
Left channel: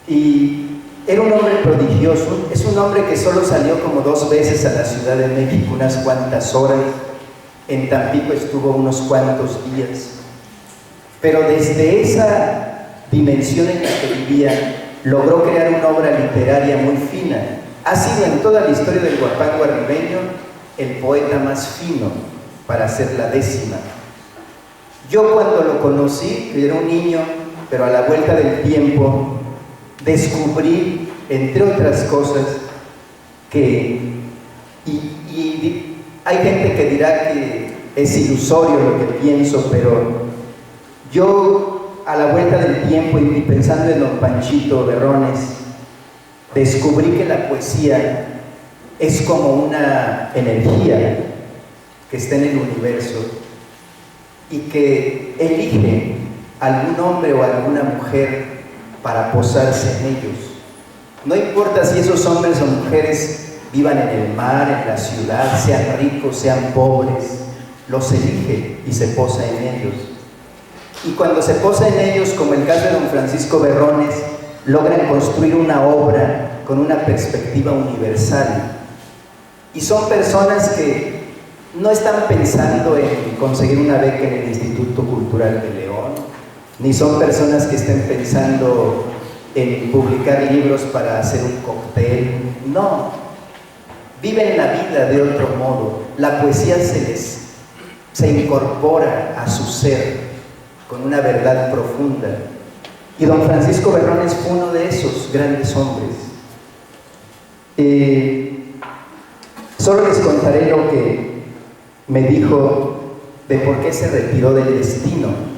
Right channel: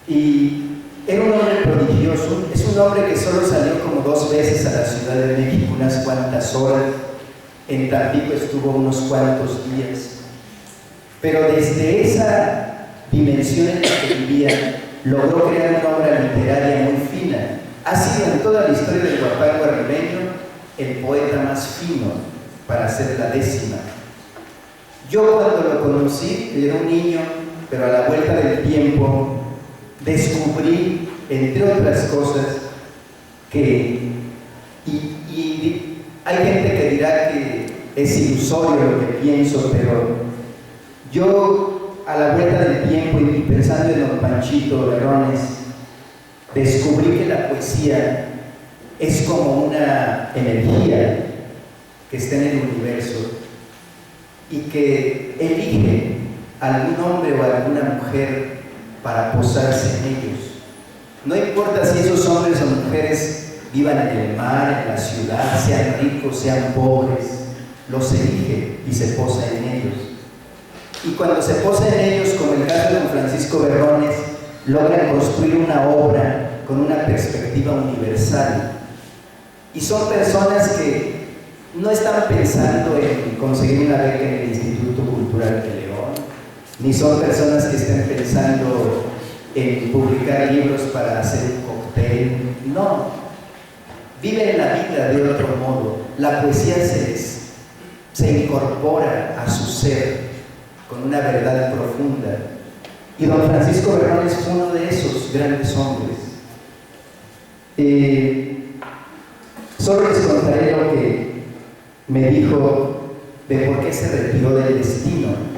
Y era un hombre prodigioso. Es un hombre que solo salió como 2 veces a la Ciudad de México, unas cuantas horas. En Tampico estuvo unos cuantos días. Pero desde esa dimensión en la que vivía, logró crear una obra literaria muy fina. Ha sido en toda la historia del guapango arribeño el poeta más fino para ser la 10ª. Yo cuando lo conocí, que era un niño, pero a la vuelta del tiempo, descubrí, entre otras cosas, que, y hay gente que dirá que es ilusorio lo que pienso, pero yo a la vuelta del tiempo y pensando en Don Panchito Berrones, descubrí que la poesía es como una energía que está en el universo y que elige algún hombre o alguna mujer para posarse en ellos. No importa si esos hombres o mujeres vivan en el mar, en la ciudad, sean ricos, sean pobres, los elige y se posa en ellos. Y cuando se posa en ellos, como el caso de Don Francisco Berrones, logran construir una obra con una perspectiva universal. Y son personas que no están pensando en conseguir una beca en el Instituto Cultural de León, ni son personas que estén pensando en publicar libros para hacer un cóctel. No, viven la vida de otro modo. La poesía se incorpora a su ser con una verdad profunda. Y Don Francisco Berrones fue uno de esos grandes hombres. Solo les contaré lo que me dijo de por qué se retiró del destino.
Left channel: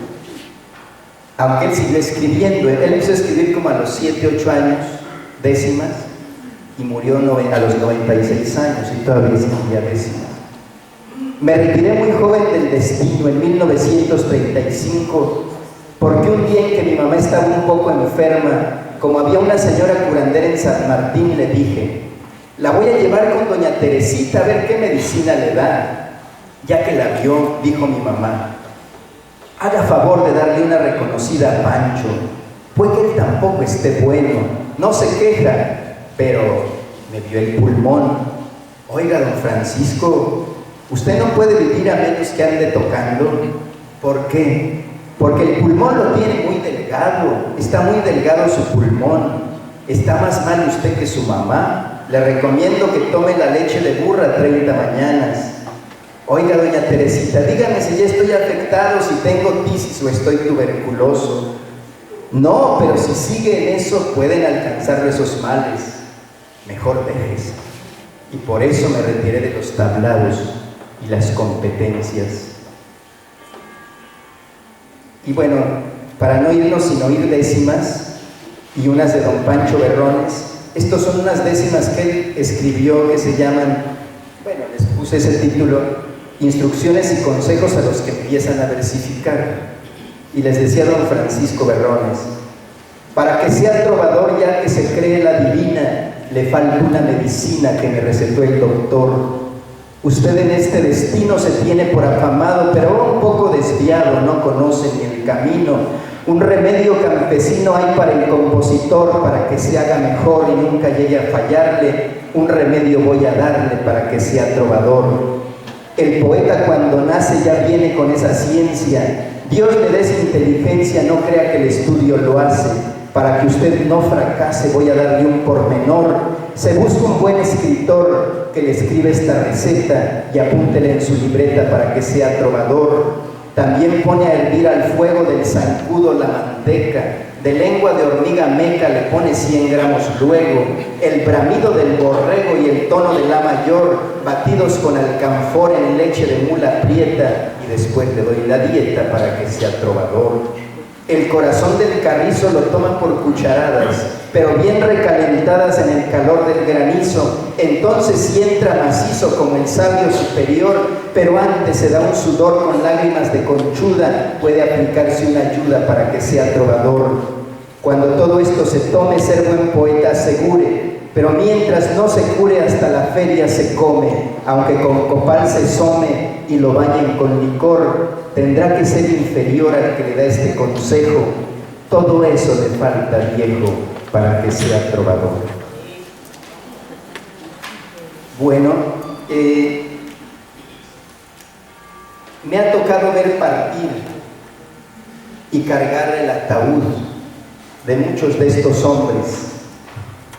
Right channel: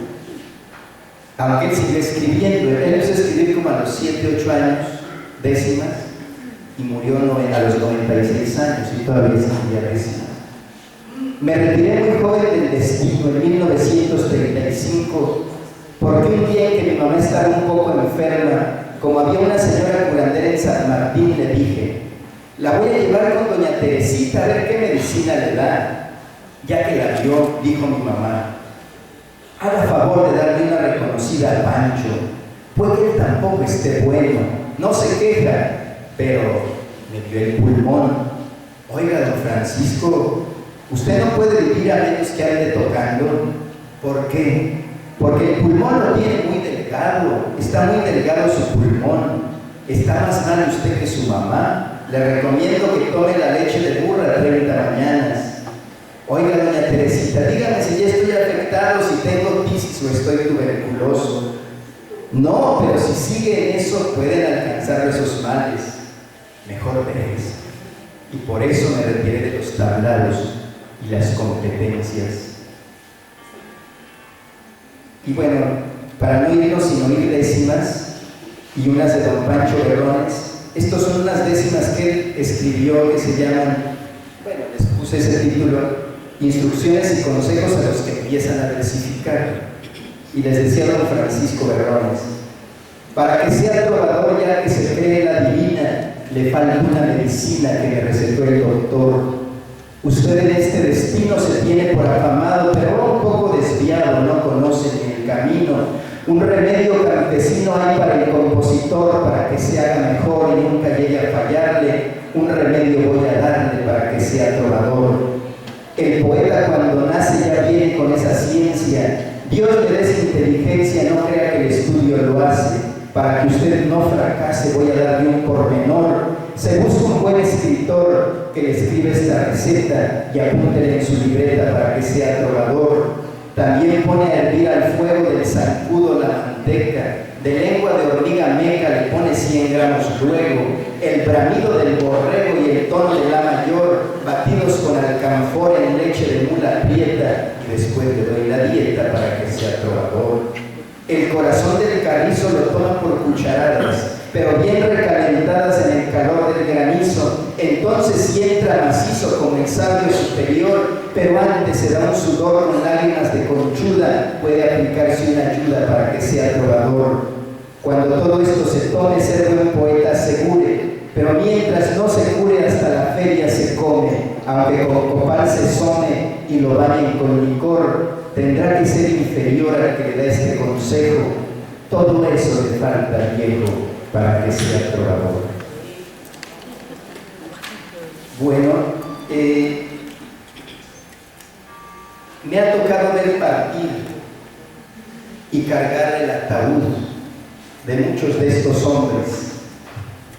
Aunque él siguió escribiendo, él empezó a escribir como a los 7, 8 años, 10ª, y murió a los 96 años y todavía escribía 10ª. Me retiré muy joven del destino en 1935, porque un día en que mi mamá estaba un poco enferma, como había una señora curandera en San Martín, le dije: la voy a llevar con doña Teresita a ver qué medicina le da. Ya que la vio, dijo mi mamá: haga favor de darle una reconocida a Pancho, puede que él tampoco esté bueno, no se queja, pero me vio el pulmón. Oiga, don Francisco, usted no puede vivir a menos que ande tocando. ¿Por qué? Porque el pulmón lo tiene muy delgado, está muy delgado su pulmón, está más mal usted que su mamá. Le recomiendo que tome la leche de burra 30 mañanas. Oiga, doña Teresita, dígame si ya estoy afectado, si tengo tisis o estoy tuberculoso. No, pero si sigue en eso, pueden alcanzarlo esos males. Mejor déjese. Y por eso me retiré de los tablados y las competencias. Y bueno, para no irnos sin oír décimas y unas de Don Pancho Berrones, estos son unas décimas que él escribió que se llaman, bueno, les puse ese título, Instrucciones y consejos a los que empiezan a versificar. Y les decía Don Francisco Berrones: para que sea trovador ya que se cree la divina, le falta una medicina que me recetó el doctor. Usted en este destino se tiene por afamado, pero un poco desviado, no conoce ni el camino. Un remedio campesino hay para el compositor, para que se haga mejor y nunca llegue a fallarle. Un remedio voy a darle para que sea trovador. El poeta cuando nace ya viene con esa ciencia. Dios le dé esa inteligencia, no crea que el estudio lo hace. Para que usted no fracase voy a darle un pormenor. se busca un buen escritor que le escriba esta receta y apúntela en su libreta para que sea trovador. También pone a hervir al fuego del zancudo la manteca, de lengua de hormiga meca le pone 100 gramos luego, el bramido del borrego y el tono de la mayor, batidos con alcanfor en leche de mula prieta, y después le doy la dieta para que sea trovador. El corazón del carrizo lo toma por cucharadas, pero bien recalentadas en el calor del granizo, entonces sí entra macizo como el sabio superior, pero antes se da un sudor con lágrimas de conchuda, puede aplicarse una ayuda para que sea trovador. Cuando todo esto se tome, ser buen poeta asegure, pero mientras no se cure hasta la feria se come, aunque con copal se some y lo bañen con licor, tendrá que ser inferior al que le da este consejo. Todo eso le falta, viejo, para que sea trovador. Bueno, me ha tocado ver partir y cargar el ataúd de muchos de estos hombres,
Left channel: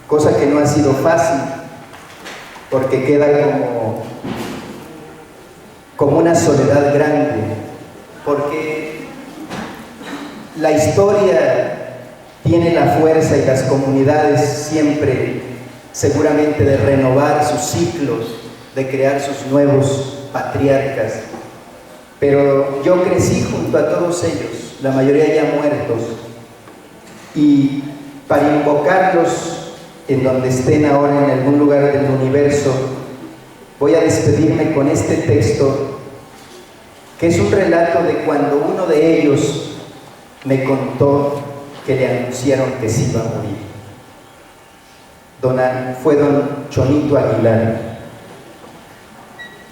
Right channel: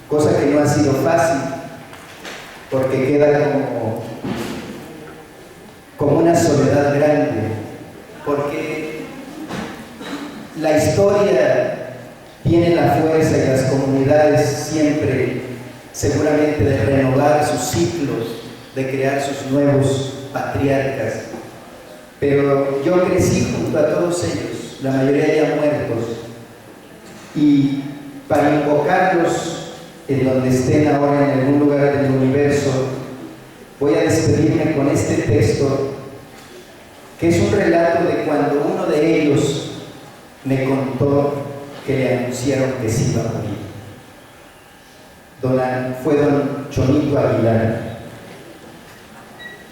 cosa que no ha sido fácil, porque queda como una soledad grande, porque la historia tiene la fuerza y las comunidades siempre seguramente de renovar sus ciclos, de crear sus nuevos patriarcas, pero yo crecí junto a todos ellos, la mayoría ya muertos, y para invocarlos en donde estén ahora en algún lugar del universo, voy a despedirme con este texto, que es un relato de cuando uno de ellos me contó que le anunciaron que se iba a morir. Fue don Chonito Aguilar.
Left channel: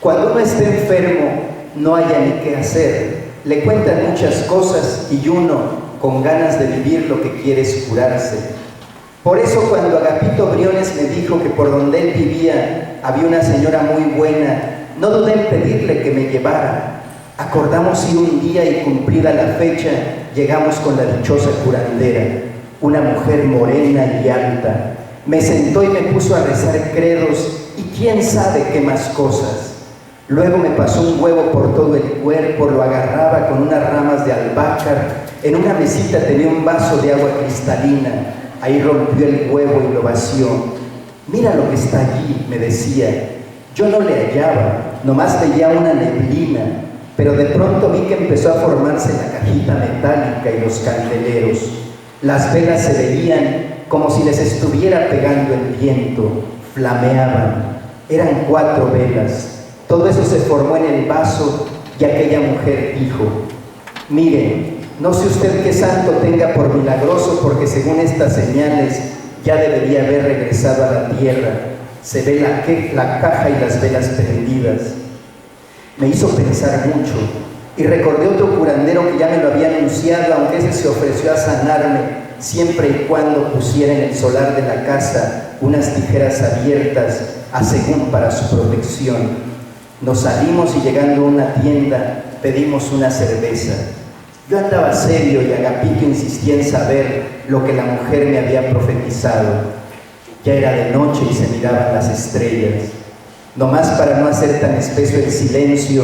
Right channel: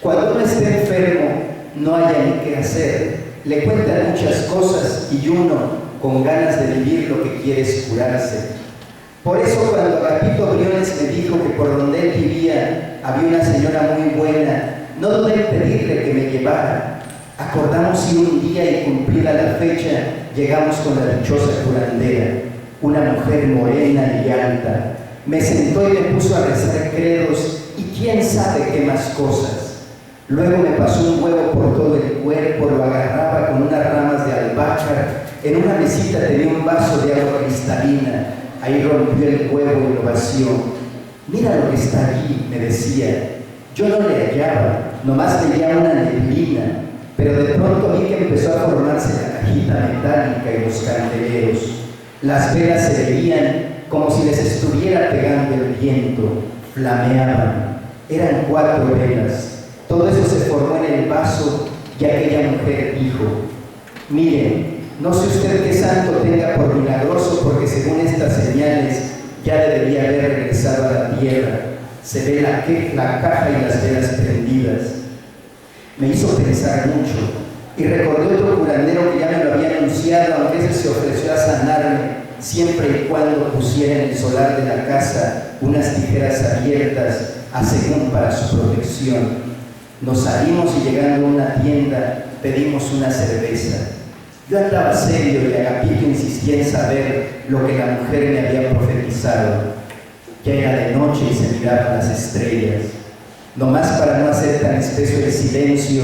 Cuando uno está enfermo, no haya ni qué hacer. Le cuentan muchas cosas y uno, con ganas de vivir, lo que quiere es curarse. Por eso cuando Agapito Briones me dijo que por donde él vivía había una señora muy buena, no dudé en pedirle que me llevara. Acordamos ir un día y cumplida la fecha, llegamos con la dichosa curandera, una mujer morena y alta. Me sentó y me puso a rezar credos y quién sabe qué más cosas. Luego me pasó un huevo por todo el cuerpo, lo agarraba con unas ramas de albahaca. En una mesita tenía un vaso de agua cristalina. Ahí rompió el huevo y lo vació. Mira lo que está allí, me decía. Yo no le hallaba, nomás veía una neblina, pero de pronto vi que empezó a formarse la cajita metálica y los candeleros. Las velas se veían como si les estuviera pegando el viento, flameaban. Eran 4 velas. Todo eso se formó en el vaso y aquella mujer dijo: mire, no sé usted qué santo tenga por milagroso, porque según estas señales ya debería haber regresado a la tierra. Se ve la caja y las velas prendidas. Me hizo pensar mucho y recordé otro curandero que ya me lo había anunciado, aunque ese se ofreció a sanarme siempre y cuando pusiera en el solar de la casa unas tijeras abiertas a según para su protección. Nos salimos y llegando a una tienda pedimos una cerveza. Yo andaba serio y Agapito insistía en saber lo que la mujer me había profetizado. Ya era de noche y se miraban las estrellas. Nomás para no hacer tan espeso el silencio,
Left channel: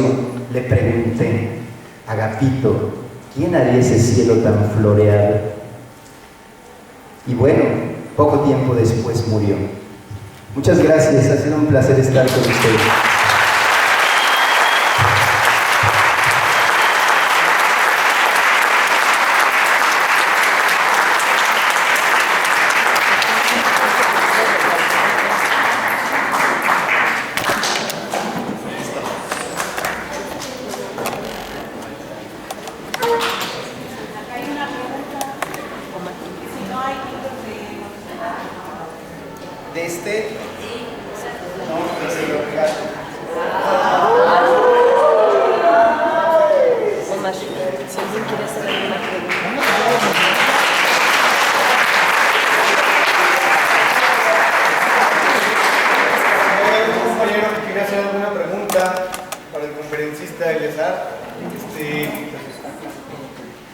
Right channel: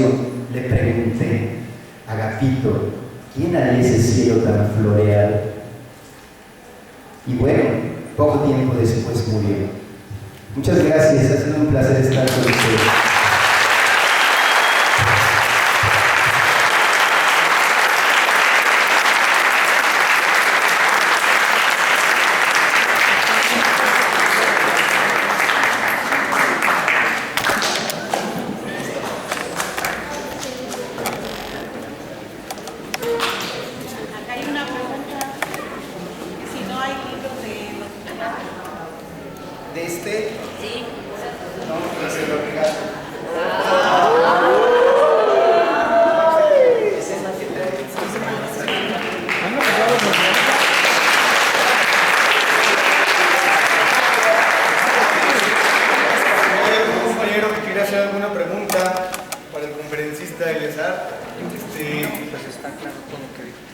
le pregunté: Agapito, ¿quién haría ese cielo tan floreal? Y bueno, poco tiempo después murió. Muchas gracias, ha sido un placer estar con ustedes.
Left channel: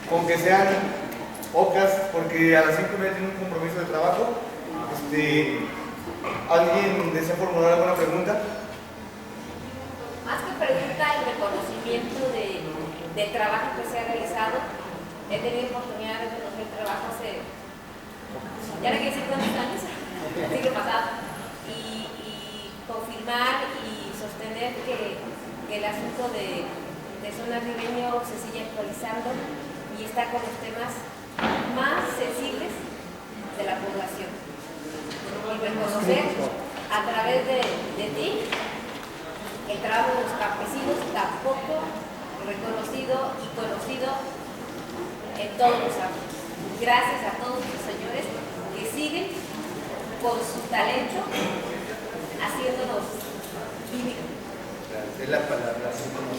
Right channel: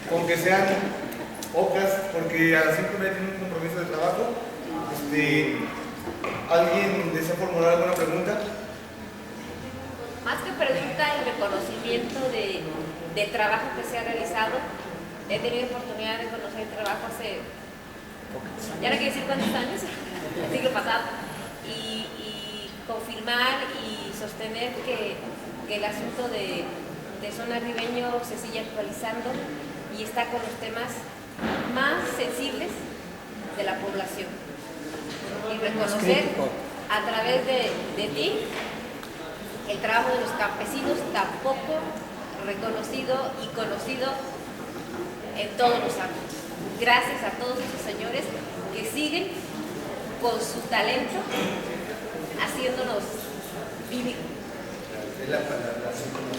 Con que sean pocas, porque a las 5:30 tiene un compromiso de trabajo. ¿Alguien desea formular alguna pregunta? Más que pregunta, el reconocimiento del trabajo que se ha realizado. He tenido oportunidad de conocer el trabajo hace, ya no quiero decir cuántos años, el siglo pasado, y confirmar y sostener que el asunto de Sonar Ribeño se sigue actualizando y está con los temas más sensibles de la población. Y reconocer a través de ti el trabajo de los campesinos, tampoco reconocido y conocido en todos los ámbitos. Gracias a todos estos señores que siguen con su talento haciéndonos vivir. Es la palabra, así como...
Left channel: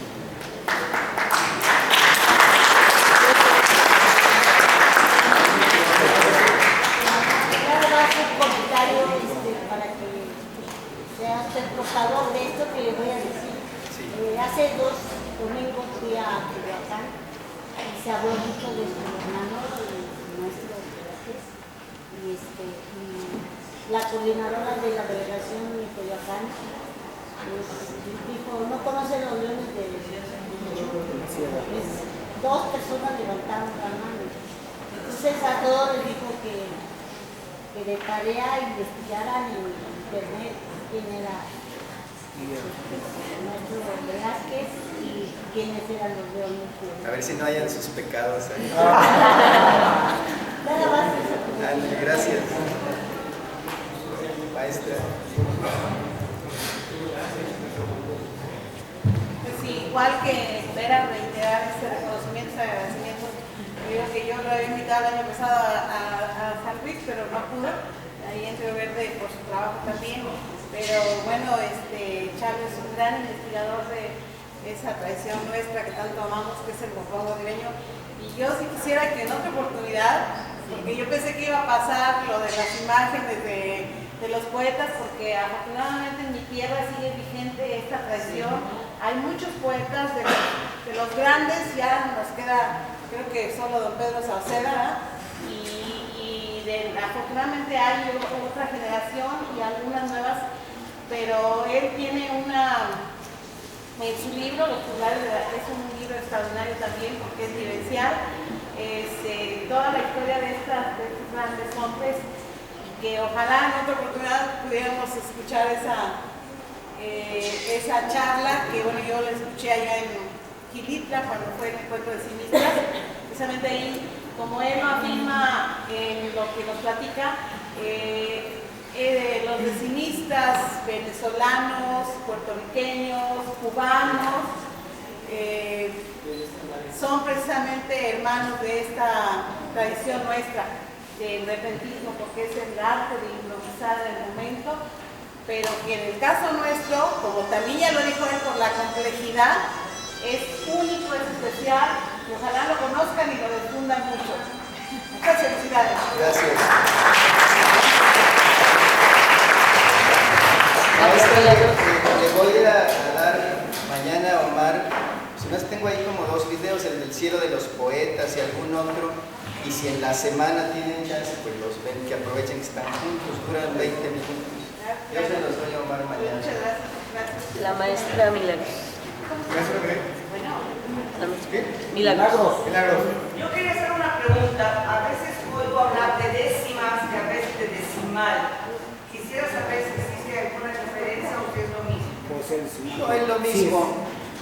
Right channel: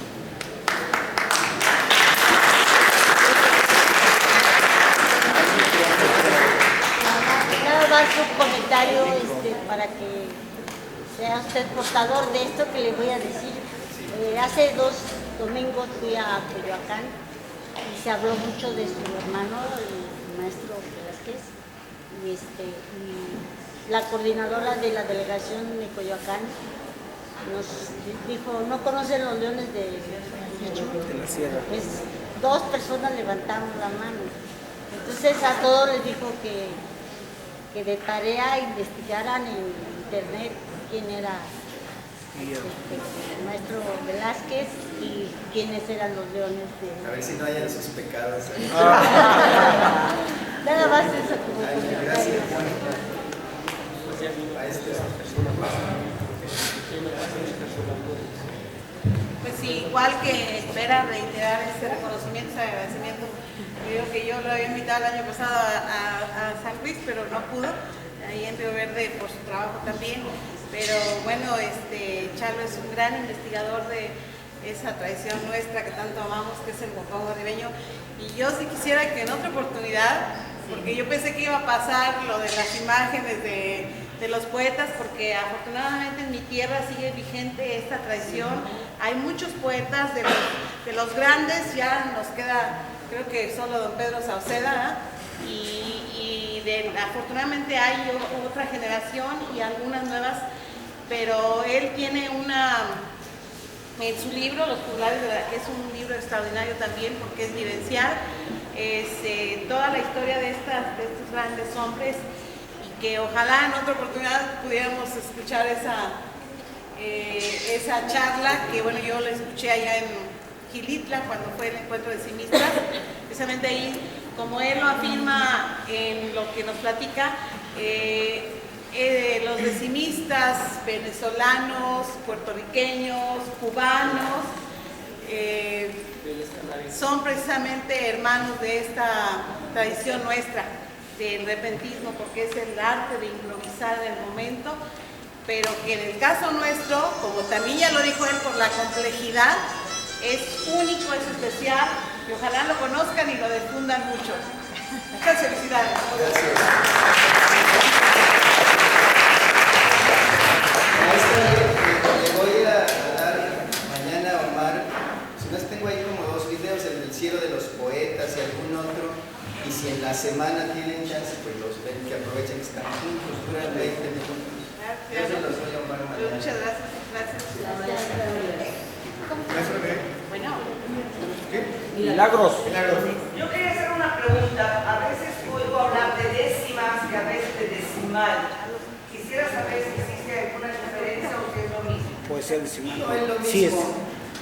Nada más un comentario para que sea usted portador de esto que le voy a decir. Hace 2 domingos fui a Coyoacán y se habló mucho de su hermano, el maestro Velázquez, y la coordinadora de la delegación de Coyoacán nos dijo, ¿no conocen los leones de la sierra? 2 personas levantaron la mano. Entonces a todos les dijo que de tarea investigaran en internet quién era el maestro Velázquez y quiénes eran los leones. A ver si no hayan sus pecados ahí. Nada más eso. Gracias. Maestra. Pues sí, igual que Vera, reiterar este reconocimiento, ese agradecimiento. Digo que yo lo había invitado el año pasado a San Luis, pero no pudo. Ahí en Río Verde por su trabajo también. Pero bueno, Chalo es un gran investigador de esa tradición nuestra que tanto amamos, que es el guapango ribeño. Y yo sí quisiera que en otra oportunidad, porque yo pensé que iba a pasar lo de las imágenes de los poetas, porque afortunadamente en mi tierra sigue vigente esta tradición. Hay muchos poetas de los grandes, ya nos queda, creo que solo don Pedro Sauceda, afortunadamente hay otra generación y algunas nuevas, pero él tiene en su libro, Los Juglares, que es un libro extraordinario también porque es vivencial, toda la historia de estos grandes hombres, y que ojalá en otra oportunidad pudiéramos escuchar esa charla, que bueno, yo la escuché allá en Gilitla cuando fue el encuentro de cimistas, precisamente ahí, como él lo afirma en lo que nos platica, los decimistas venezolanos, puertorriqueños, cubanos, son precisamente hermanos de esta tradición nuestra del repentismo, porque es el arte de improvisar en el momento, pero que en el caso nuestro, como también ya lo dijo él, por la complejidad, es único, es especial, y ojalá lo conozcan y lo difundan mucho. Muchas felicidades. Gracias. Maestra, le voy a dar mañana a Omar, si no tengo ahí como 2 videos, el del cielo de los poetas y algún otro, y si en la semana tienen chance, pues los ven, que aprovechen que están juntos, duran 20 minutos. Yo se los doy a Omar mañana. Muchas gracias. Gracias. La maestra Milagros. ¿Maestra qué? Bueno. ¿Qué? Milagros. Milagros. Yo quería hacer una pregunta. A veces oigo hablar de décimas y a veces de decimal. Quisiera saber si existe alguna diferencia o qué es lo mismo. Puede ser decimal. No, es lo Sí, mismo.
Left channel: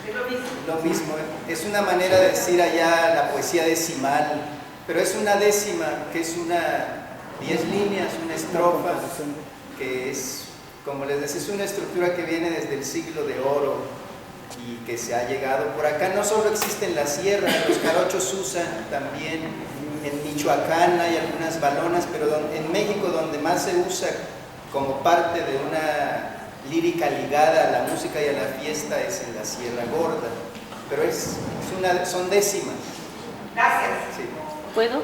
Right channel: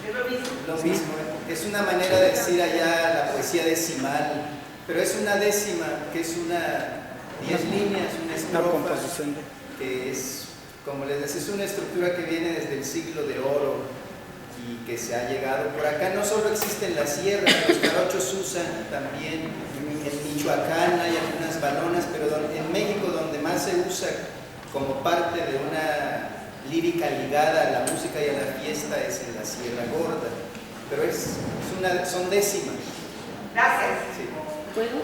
¿Es lo mismo? Lo mismo, es una manera de decir allá la poesía decimal, pero es una décima, que es 10 líneas, una estrofa, que es, como les decía, es una estructura que viene desde el siglo de oro y que se ha llegado por acá. No solo existe en la sierra, los jarochos usan también, en Michoacán hay algunas balonas, pero en México donde más se usa como parte de una lírica ligada a la música y a la fiesta es en la Sierra Gorda, pero son décimas. Gracias. Sí. ¿Puedo?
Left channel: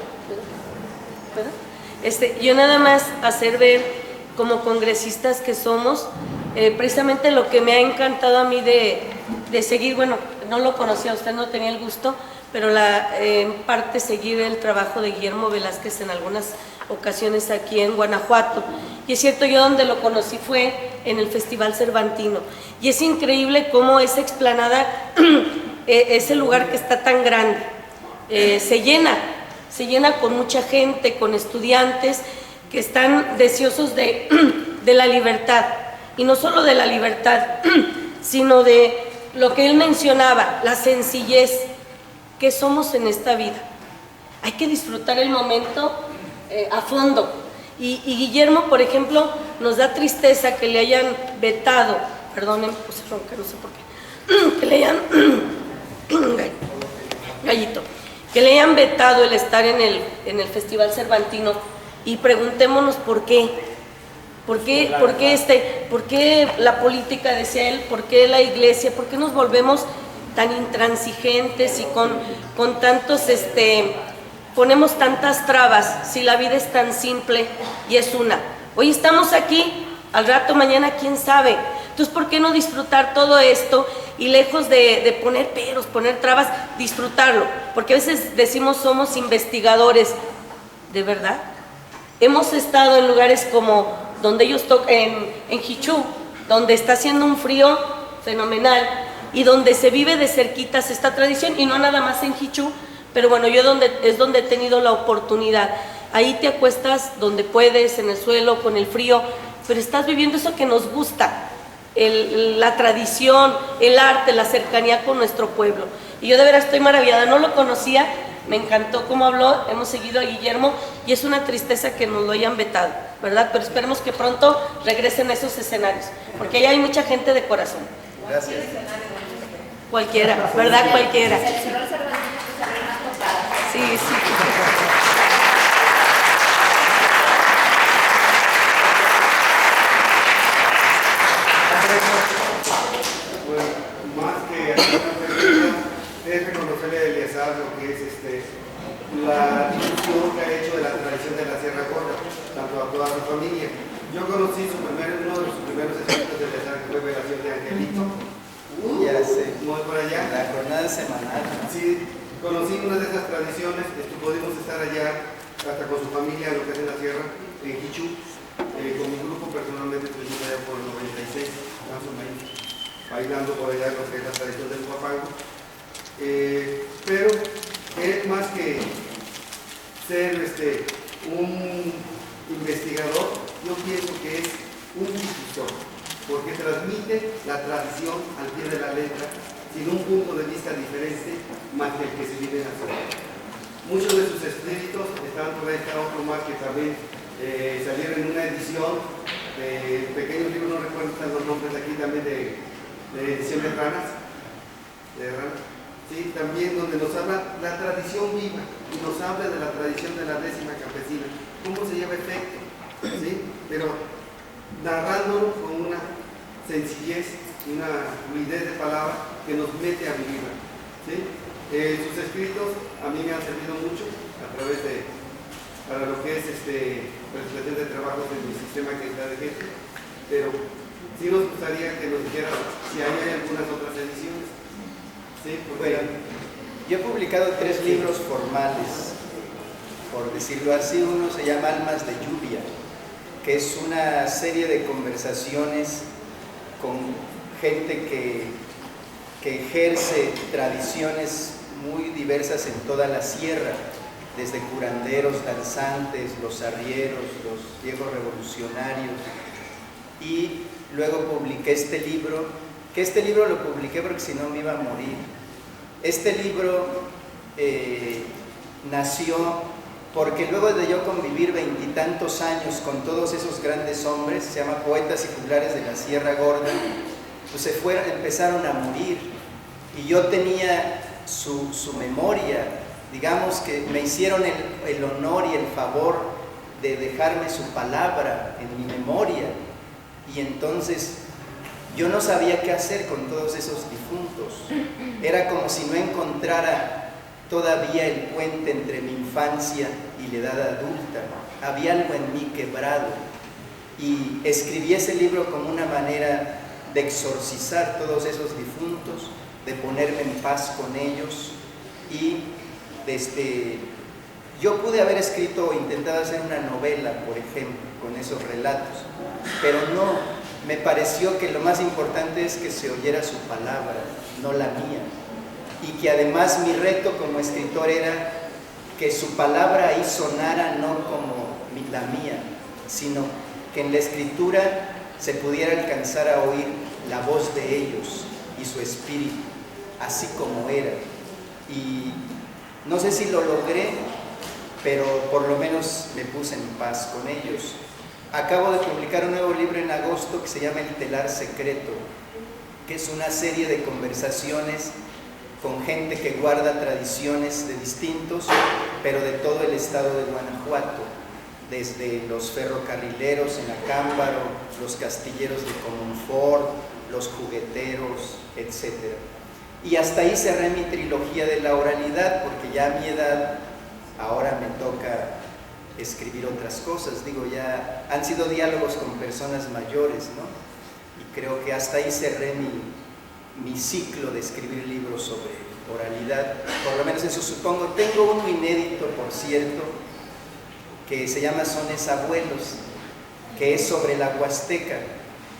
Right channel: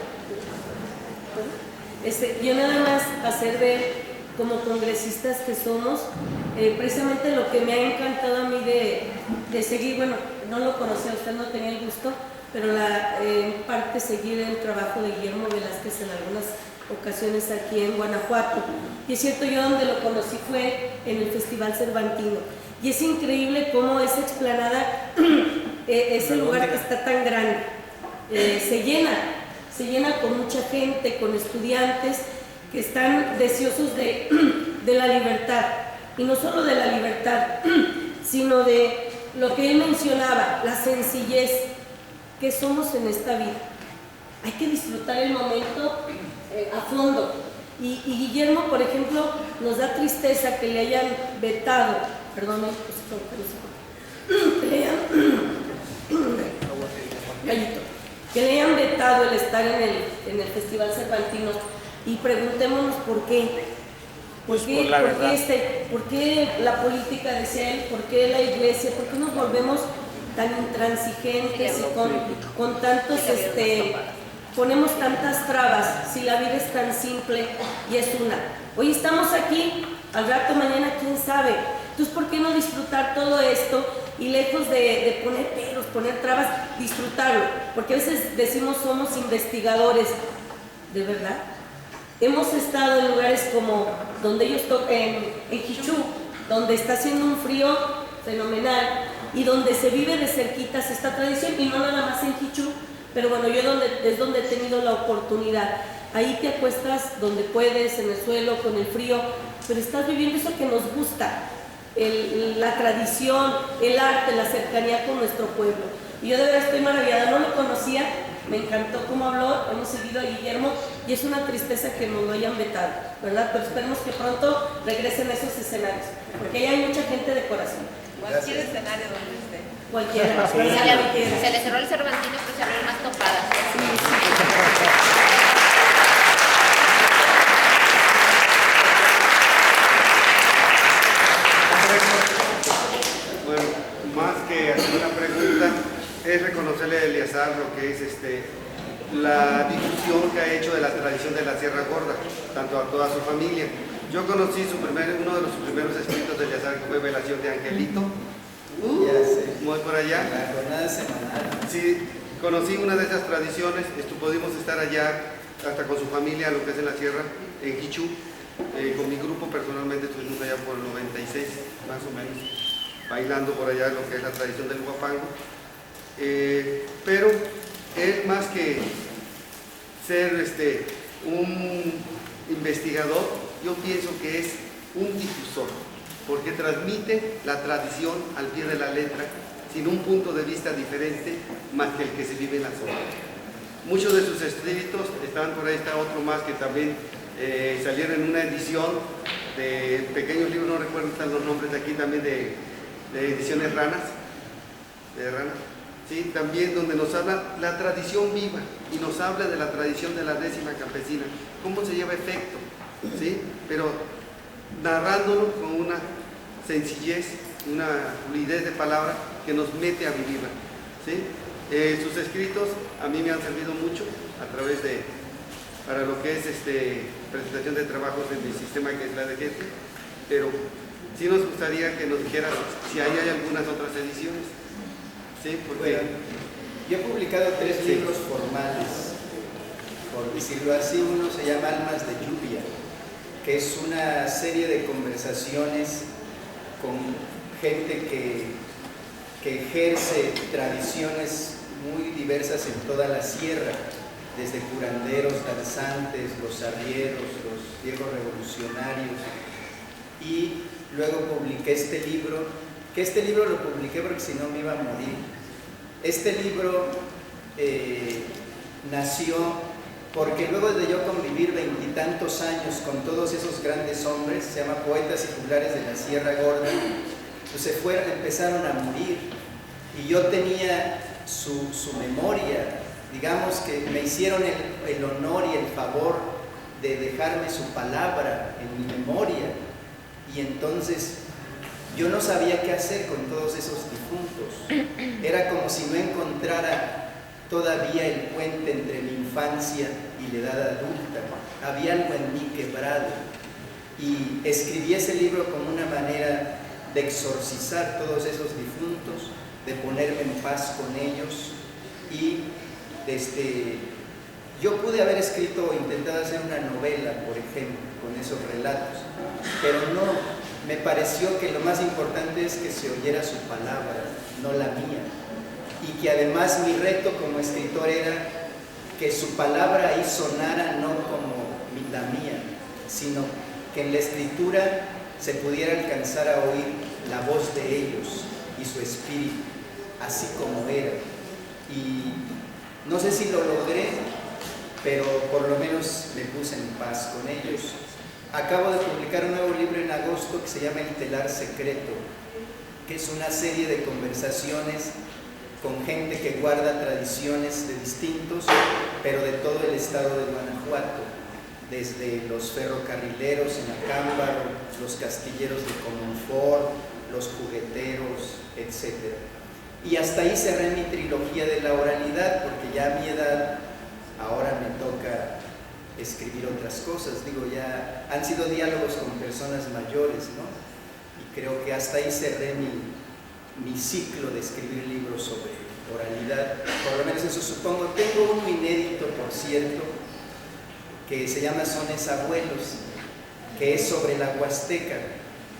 Yo nada más hacer ver, como congresistas que somos, precisamente lo que me ha encantado a mí de seguir, bueno, no lo conocía, usted no tenía el gusto, pero en parte seguir el trabajo de Guillermo Velázquez en algunas ocasiones aquí en Guanajuato. Y es cierto, yo donde lo conocí fue en el Festival Cervantino. Y es increíble cómo esa explanada, ese lugar que está tan grande, se llena con mucha gente, con estudiantes que están deseosos de la libertad. Y no solo de la libertad, sino de lo que él mencionaba, la sencillez que somos en esta vida. Hay que disfrutar el momento a fondo. Y Guillermo, por ejemplo, nos da tristeza que le hayan vetado, perdonen, pues ronca, no sé por qué, que le hayan gallito, que le hayan vetado el estar en el Festival Cervantino, y preguntémonos por qué. ¿Por qué la política, decía él, por qué la iglesia, por qué nos volvemos tan intransigentes y con tantos, ponemos tantas trabas si la vida es tan simple y es una? Hoy estamos aquí, al rato mañana quién sabe. Entonces, ¿por qué no disfrutar todo esto y lejos de poner peros, poner trabas, disfrutarlo? Porque a veces decimos somos investigadores, ¿de verdad? Hemos estado en lugares como donde ellos tocan, en Jichú, donde está haciendo un frío fenomenal y donde se vive de cerquitas esta tradición, y no nada más en Jichú, pero bueno, yo es donde he tenido la oportunidad. Ahí te acuestas donde puedes, en el suelo, con el frío, pero estás viviendo eso que nos gusta, la tradición, el arte, la cercanía con nuestro pueblo. Y yo de veras estoy maravillada, no lo conocía, me encantó cómo habló, hemos seguido a Guillermo y es una tristeza que nos lo hayan vetado, ¿verdad? Pero esperemos que pronto regresen a esos escenarios, porque allá hay mucha gente de corazón. Cualquier escenario donde esté. Cualquiera, ¿verdad? Cualquiera. Se le cerró el Cervantino, pues se abrieron más topadas. Sí, sí. Bueno, más que hacer una pregunta, es reconocerle a Eleazar lo que es la difusión que ha hecho de la tradición de la Sierra Gorda, tanto a toda su familia. Yo conocí uno de sus primeros escritos de Eleazar, que fue Velación de Angelito. Ya sé. Muy por allá. La jornada semanal. Sí, conocí una de esas tradiciones, pudimos estar allá hasta con su familia, lo que es en la sierra, en Jichú. Con mi grupo personalmente estuvimos allá por el 96, más o menos, bailando por allá lo que es la tradición del huapango. Pero es más que ser un investigador, yo pienso que es un difusor, porque transmite la tradición al pie de la letra, sin un punto de vista diferente más que el que se vive en la zona. Muchos de sus escritos están por ahí, está otro más que también salieron en una edición de pequeños libros, no recuerdo están los nombres de aquí, también de edición de ranas, sí, también donde nos habla la tradición viva y nos habla de la tradición de la décima campesina, cómo se lleva efecto, ¿sí? Pero narrándolo con una sencillez, una fluidez de palabra que nos mete a vivirla, ¿sí? Sus escritos a mí me han servido mucho a través para lo que es presentación de trabajos en mi sistema, que es la de gente, pero sí nos gustaría que nos dijera si hay algunas otras ediciones. Sí, bueno, yo he publicado 3 libros formales, por decirlo así. Uno se llama Almas de Lluvia, que es una serie de conversaciones con gente que ejerce tradiciones muy diversas en toda la sierra, desde curanderos, danzantes, los arrieros, los viejos revolucionarios. Y luego publiqué este libro, que este libro lo publiqué porque si no me iba a morir. Este libro nació porque luego de yo convivir 20 y tantos años con todos esos grandes hombres, se llama Poetas y Juglares de la Sierra Gorda, pues empezaron a morir, y yo tenía su memoria, digamos que me hicieron el honor y el favor de dejarme su palabra en mi memoria, y entonces yo no sabía qué hacer con todos esos difuntos. Era como si no encontrara todavía el puente entre mi infancia y la edad adulta. Había algo en mí quebrado, y escribí ese libro como una manera de exorcizar todos esos difuntos, de ponerme en paz con ellos y Yo pude haber escrito o intentado hacer una novela, por ejemplo, con esos relatos, pero no, me pareció que lo más importante es que se oyera su palabra, no la mía, y que además mi reto como escritor era que su palabra ahí sonara no como la mía, sino que en la escritura se pudiera alcanzar a oír la voz de ellos y su espíritu, así como era. Y no sé si lo logré, pero por lo menos me puse en paz con ellos. Acabo de publicar un nuevo libro en agosto que se llama El telar secreto, que es una serie de conversaciones con gente que guarda tradiciones de distintos, pero de todo el estado de Guanajuato, desde los ferrocarrileros en Acámbaro, los castilleros de Comonfort, los jugueteros, etc. Y hasta ahí cerré mi trilogía de la oralidad, porque ya a mi edad ahora me toca escribir otras cosas. Digo, ya han sido diálogos con personas mayores, ¿no? Y creo que hasta ahí cerré mi ciclo de escribir libros sobre oralidad, por lo menos eso supongo. Tengo uno inédito, por cierto, que se llama Sones Abuelos, que es sobre la Huasteca.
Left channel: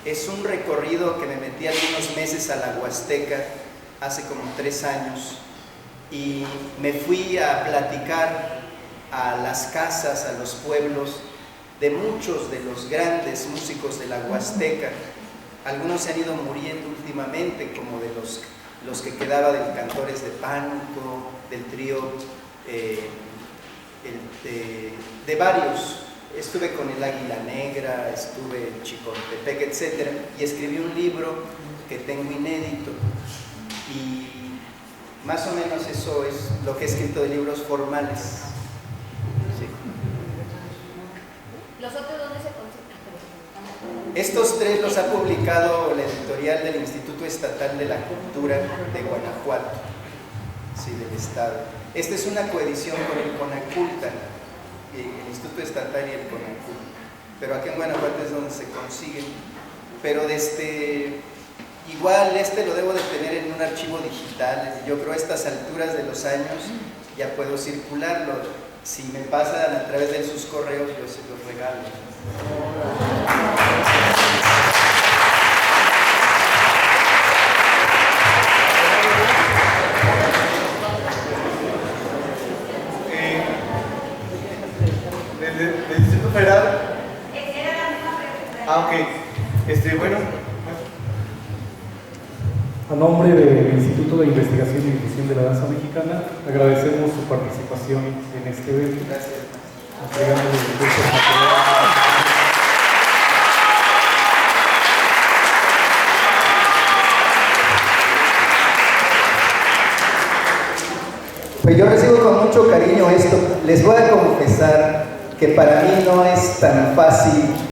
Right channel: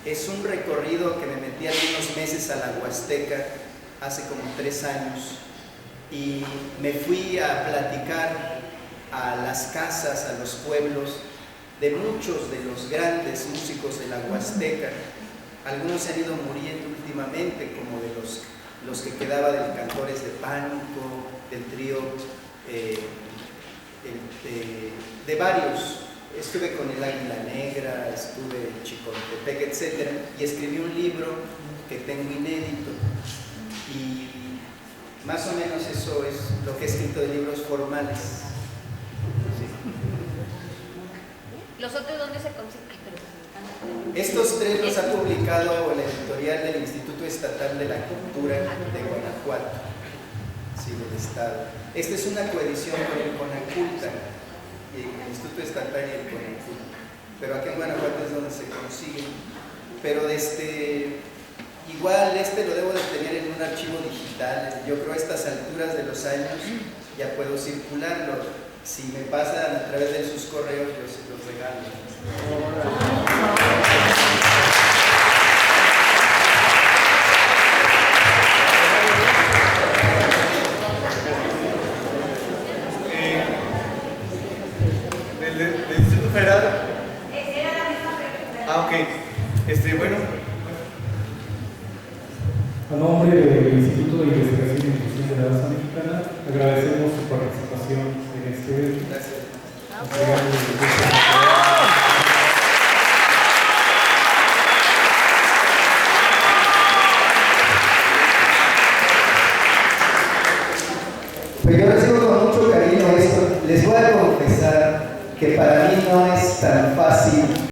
Es un recorrido que me metí algunos meses a la Huasteca hace como 3 años y me fui a platicar a las casas, a los pueblos de muchos de los grandes músicos de la Huasteca. Algunos se han ido muriendo últimamente, como de los que quedaba del Cantores de Pánuco, del trío, de varios. Estuve con el Águila Negra, estuve en Chicontepec, etc. Y escribí un libro que tengo inédito. Y más o menos eso es lo que he escrito de libros formales. Sí. ¿Los otros dónde se consiguen? Estos 3 los ha publicado la editorial del Instituto Estatal de la Cultura de Guanajuato, sí, del Estado. Esta es una coedición con el Conaculta, el Instituto Estatal y el Conaculta, pero aquí en Guanajuato es donde se consiguen. Pero igual lo debo de tener en un archivo digital. Yo creo a estas alturas de los años ya puedo circularlo. Si me pasan a través de sus correos, yo se los regalo. ¿Del Distrito Federal? Ah, ok. Bueno. A nombre del Instituto de Investigación y Difusión de la Danza Mexicana, agradecemos su participación en este evento. Gracias. Pues yo recibo con mucho cariño esto. Les voy a confesar que para mí no es tan fácil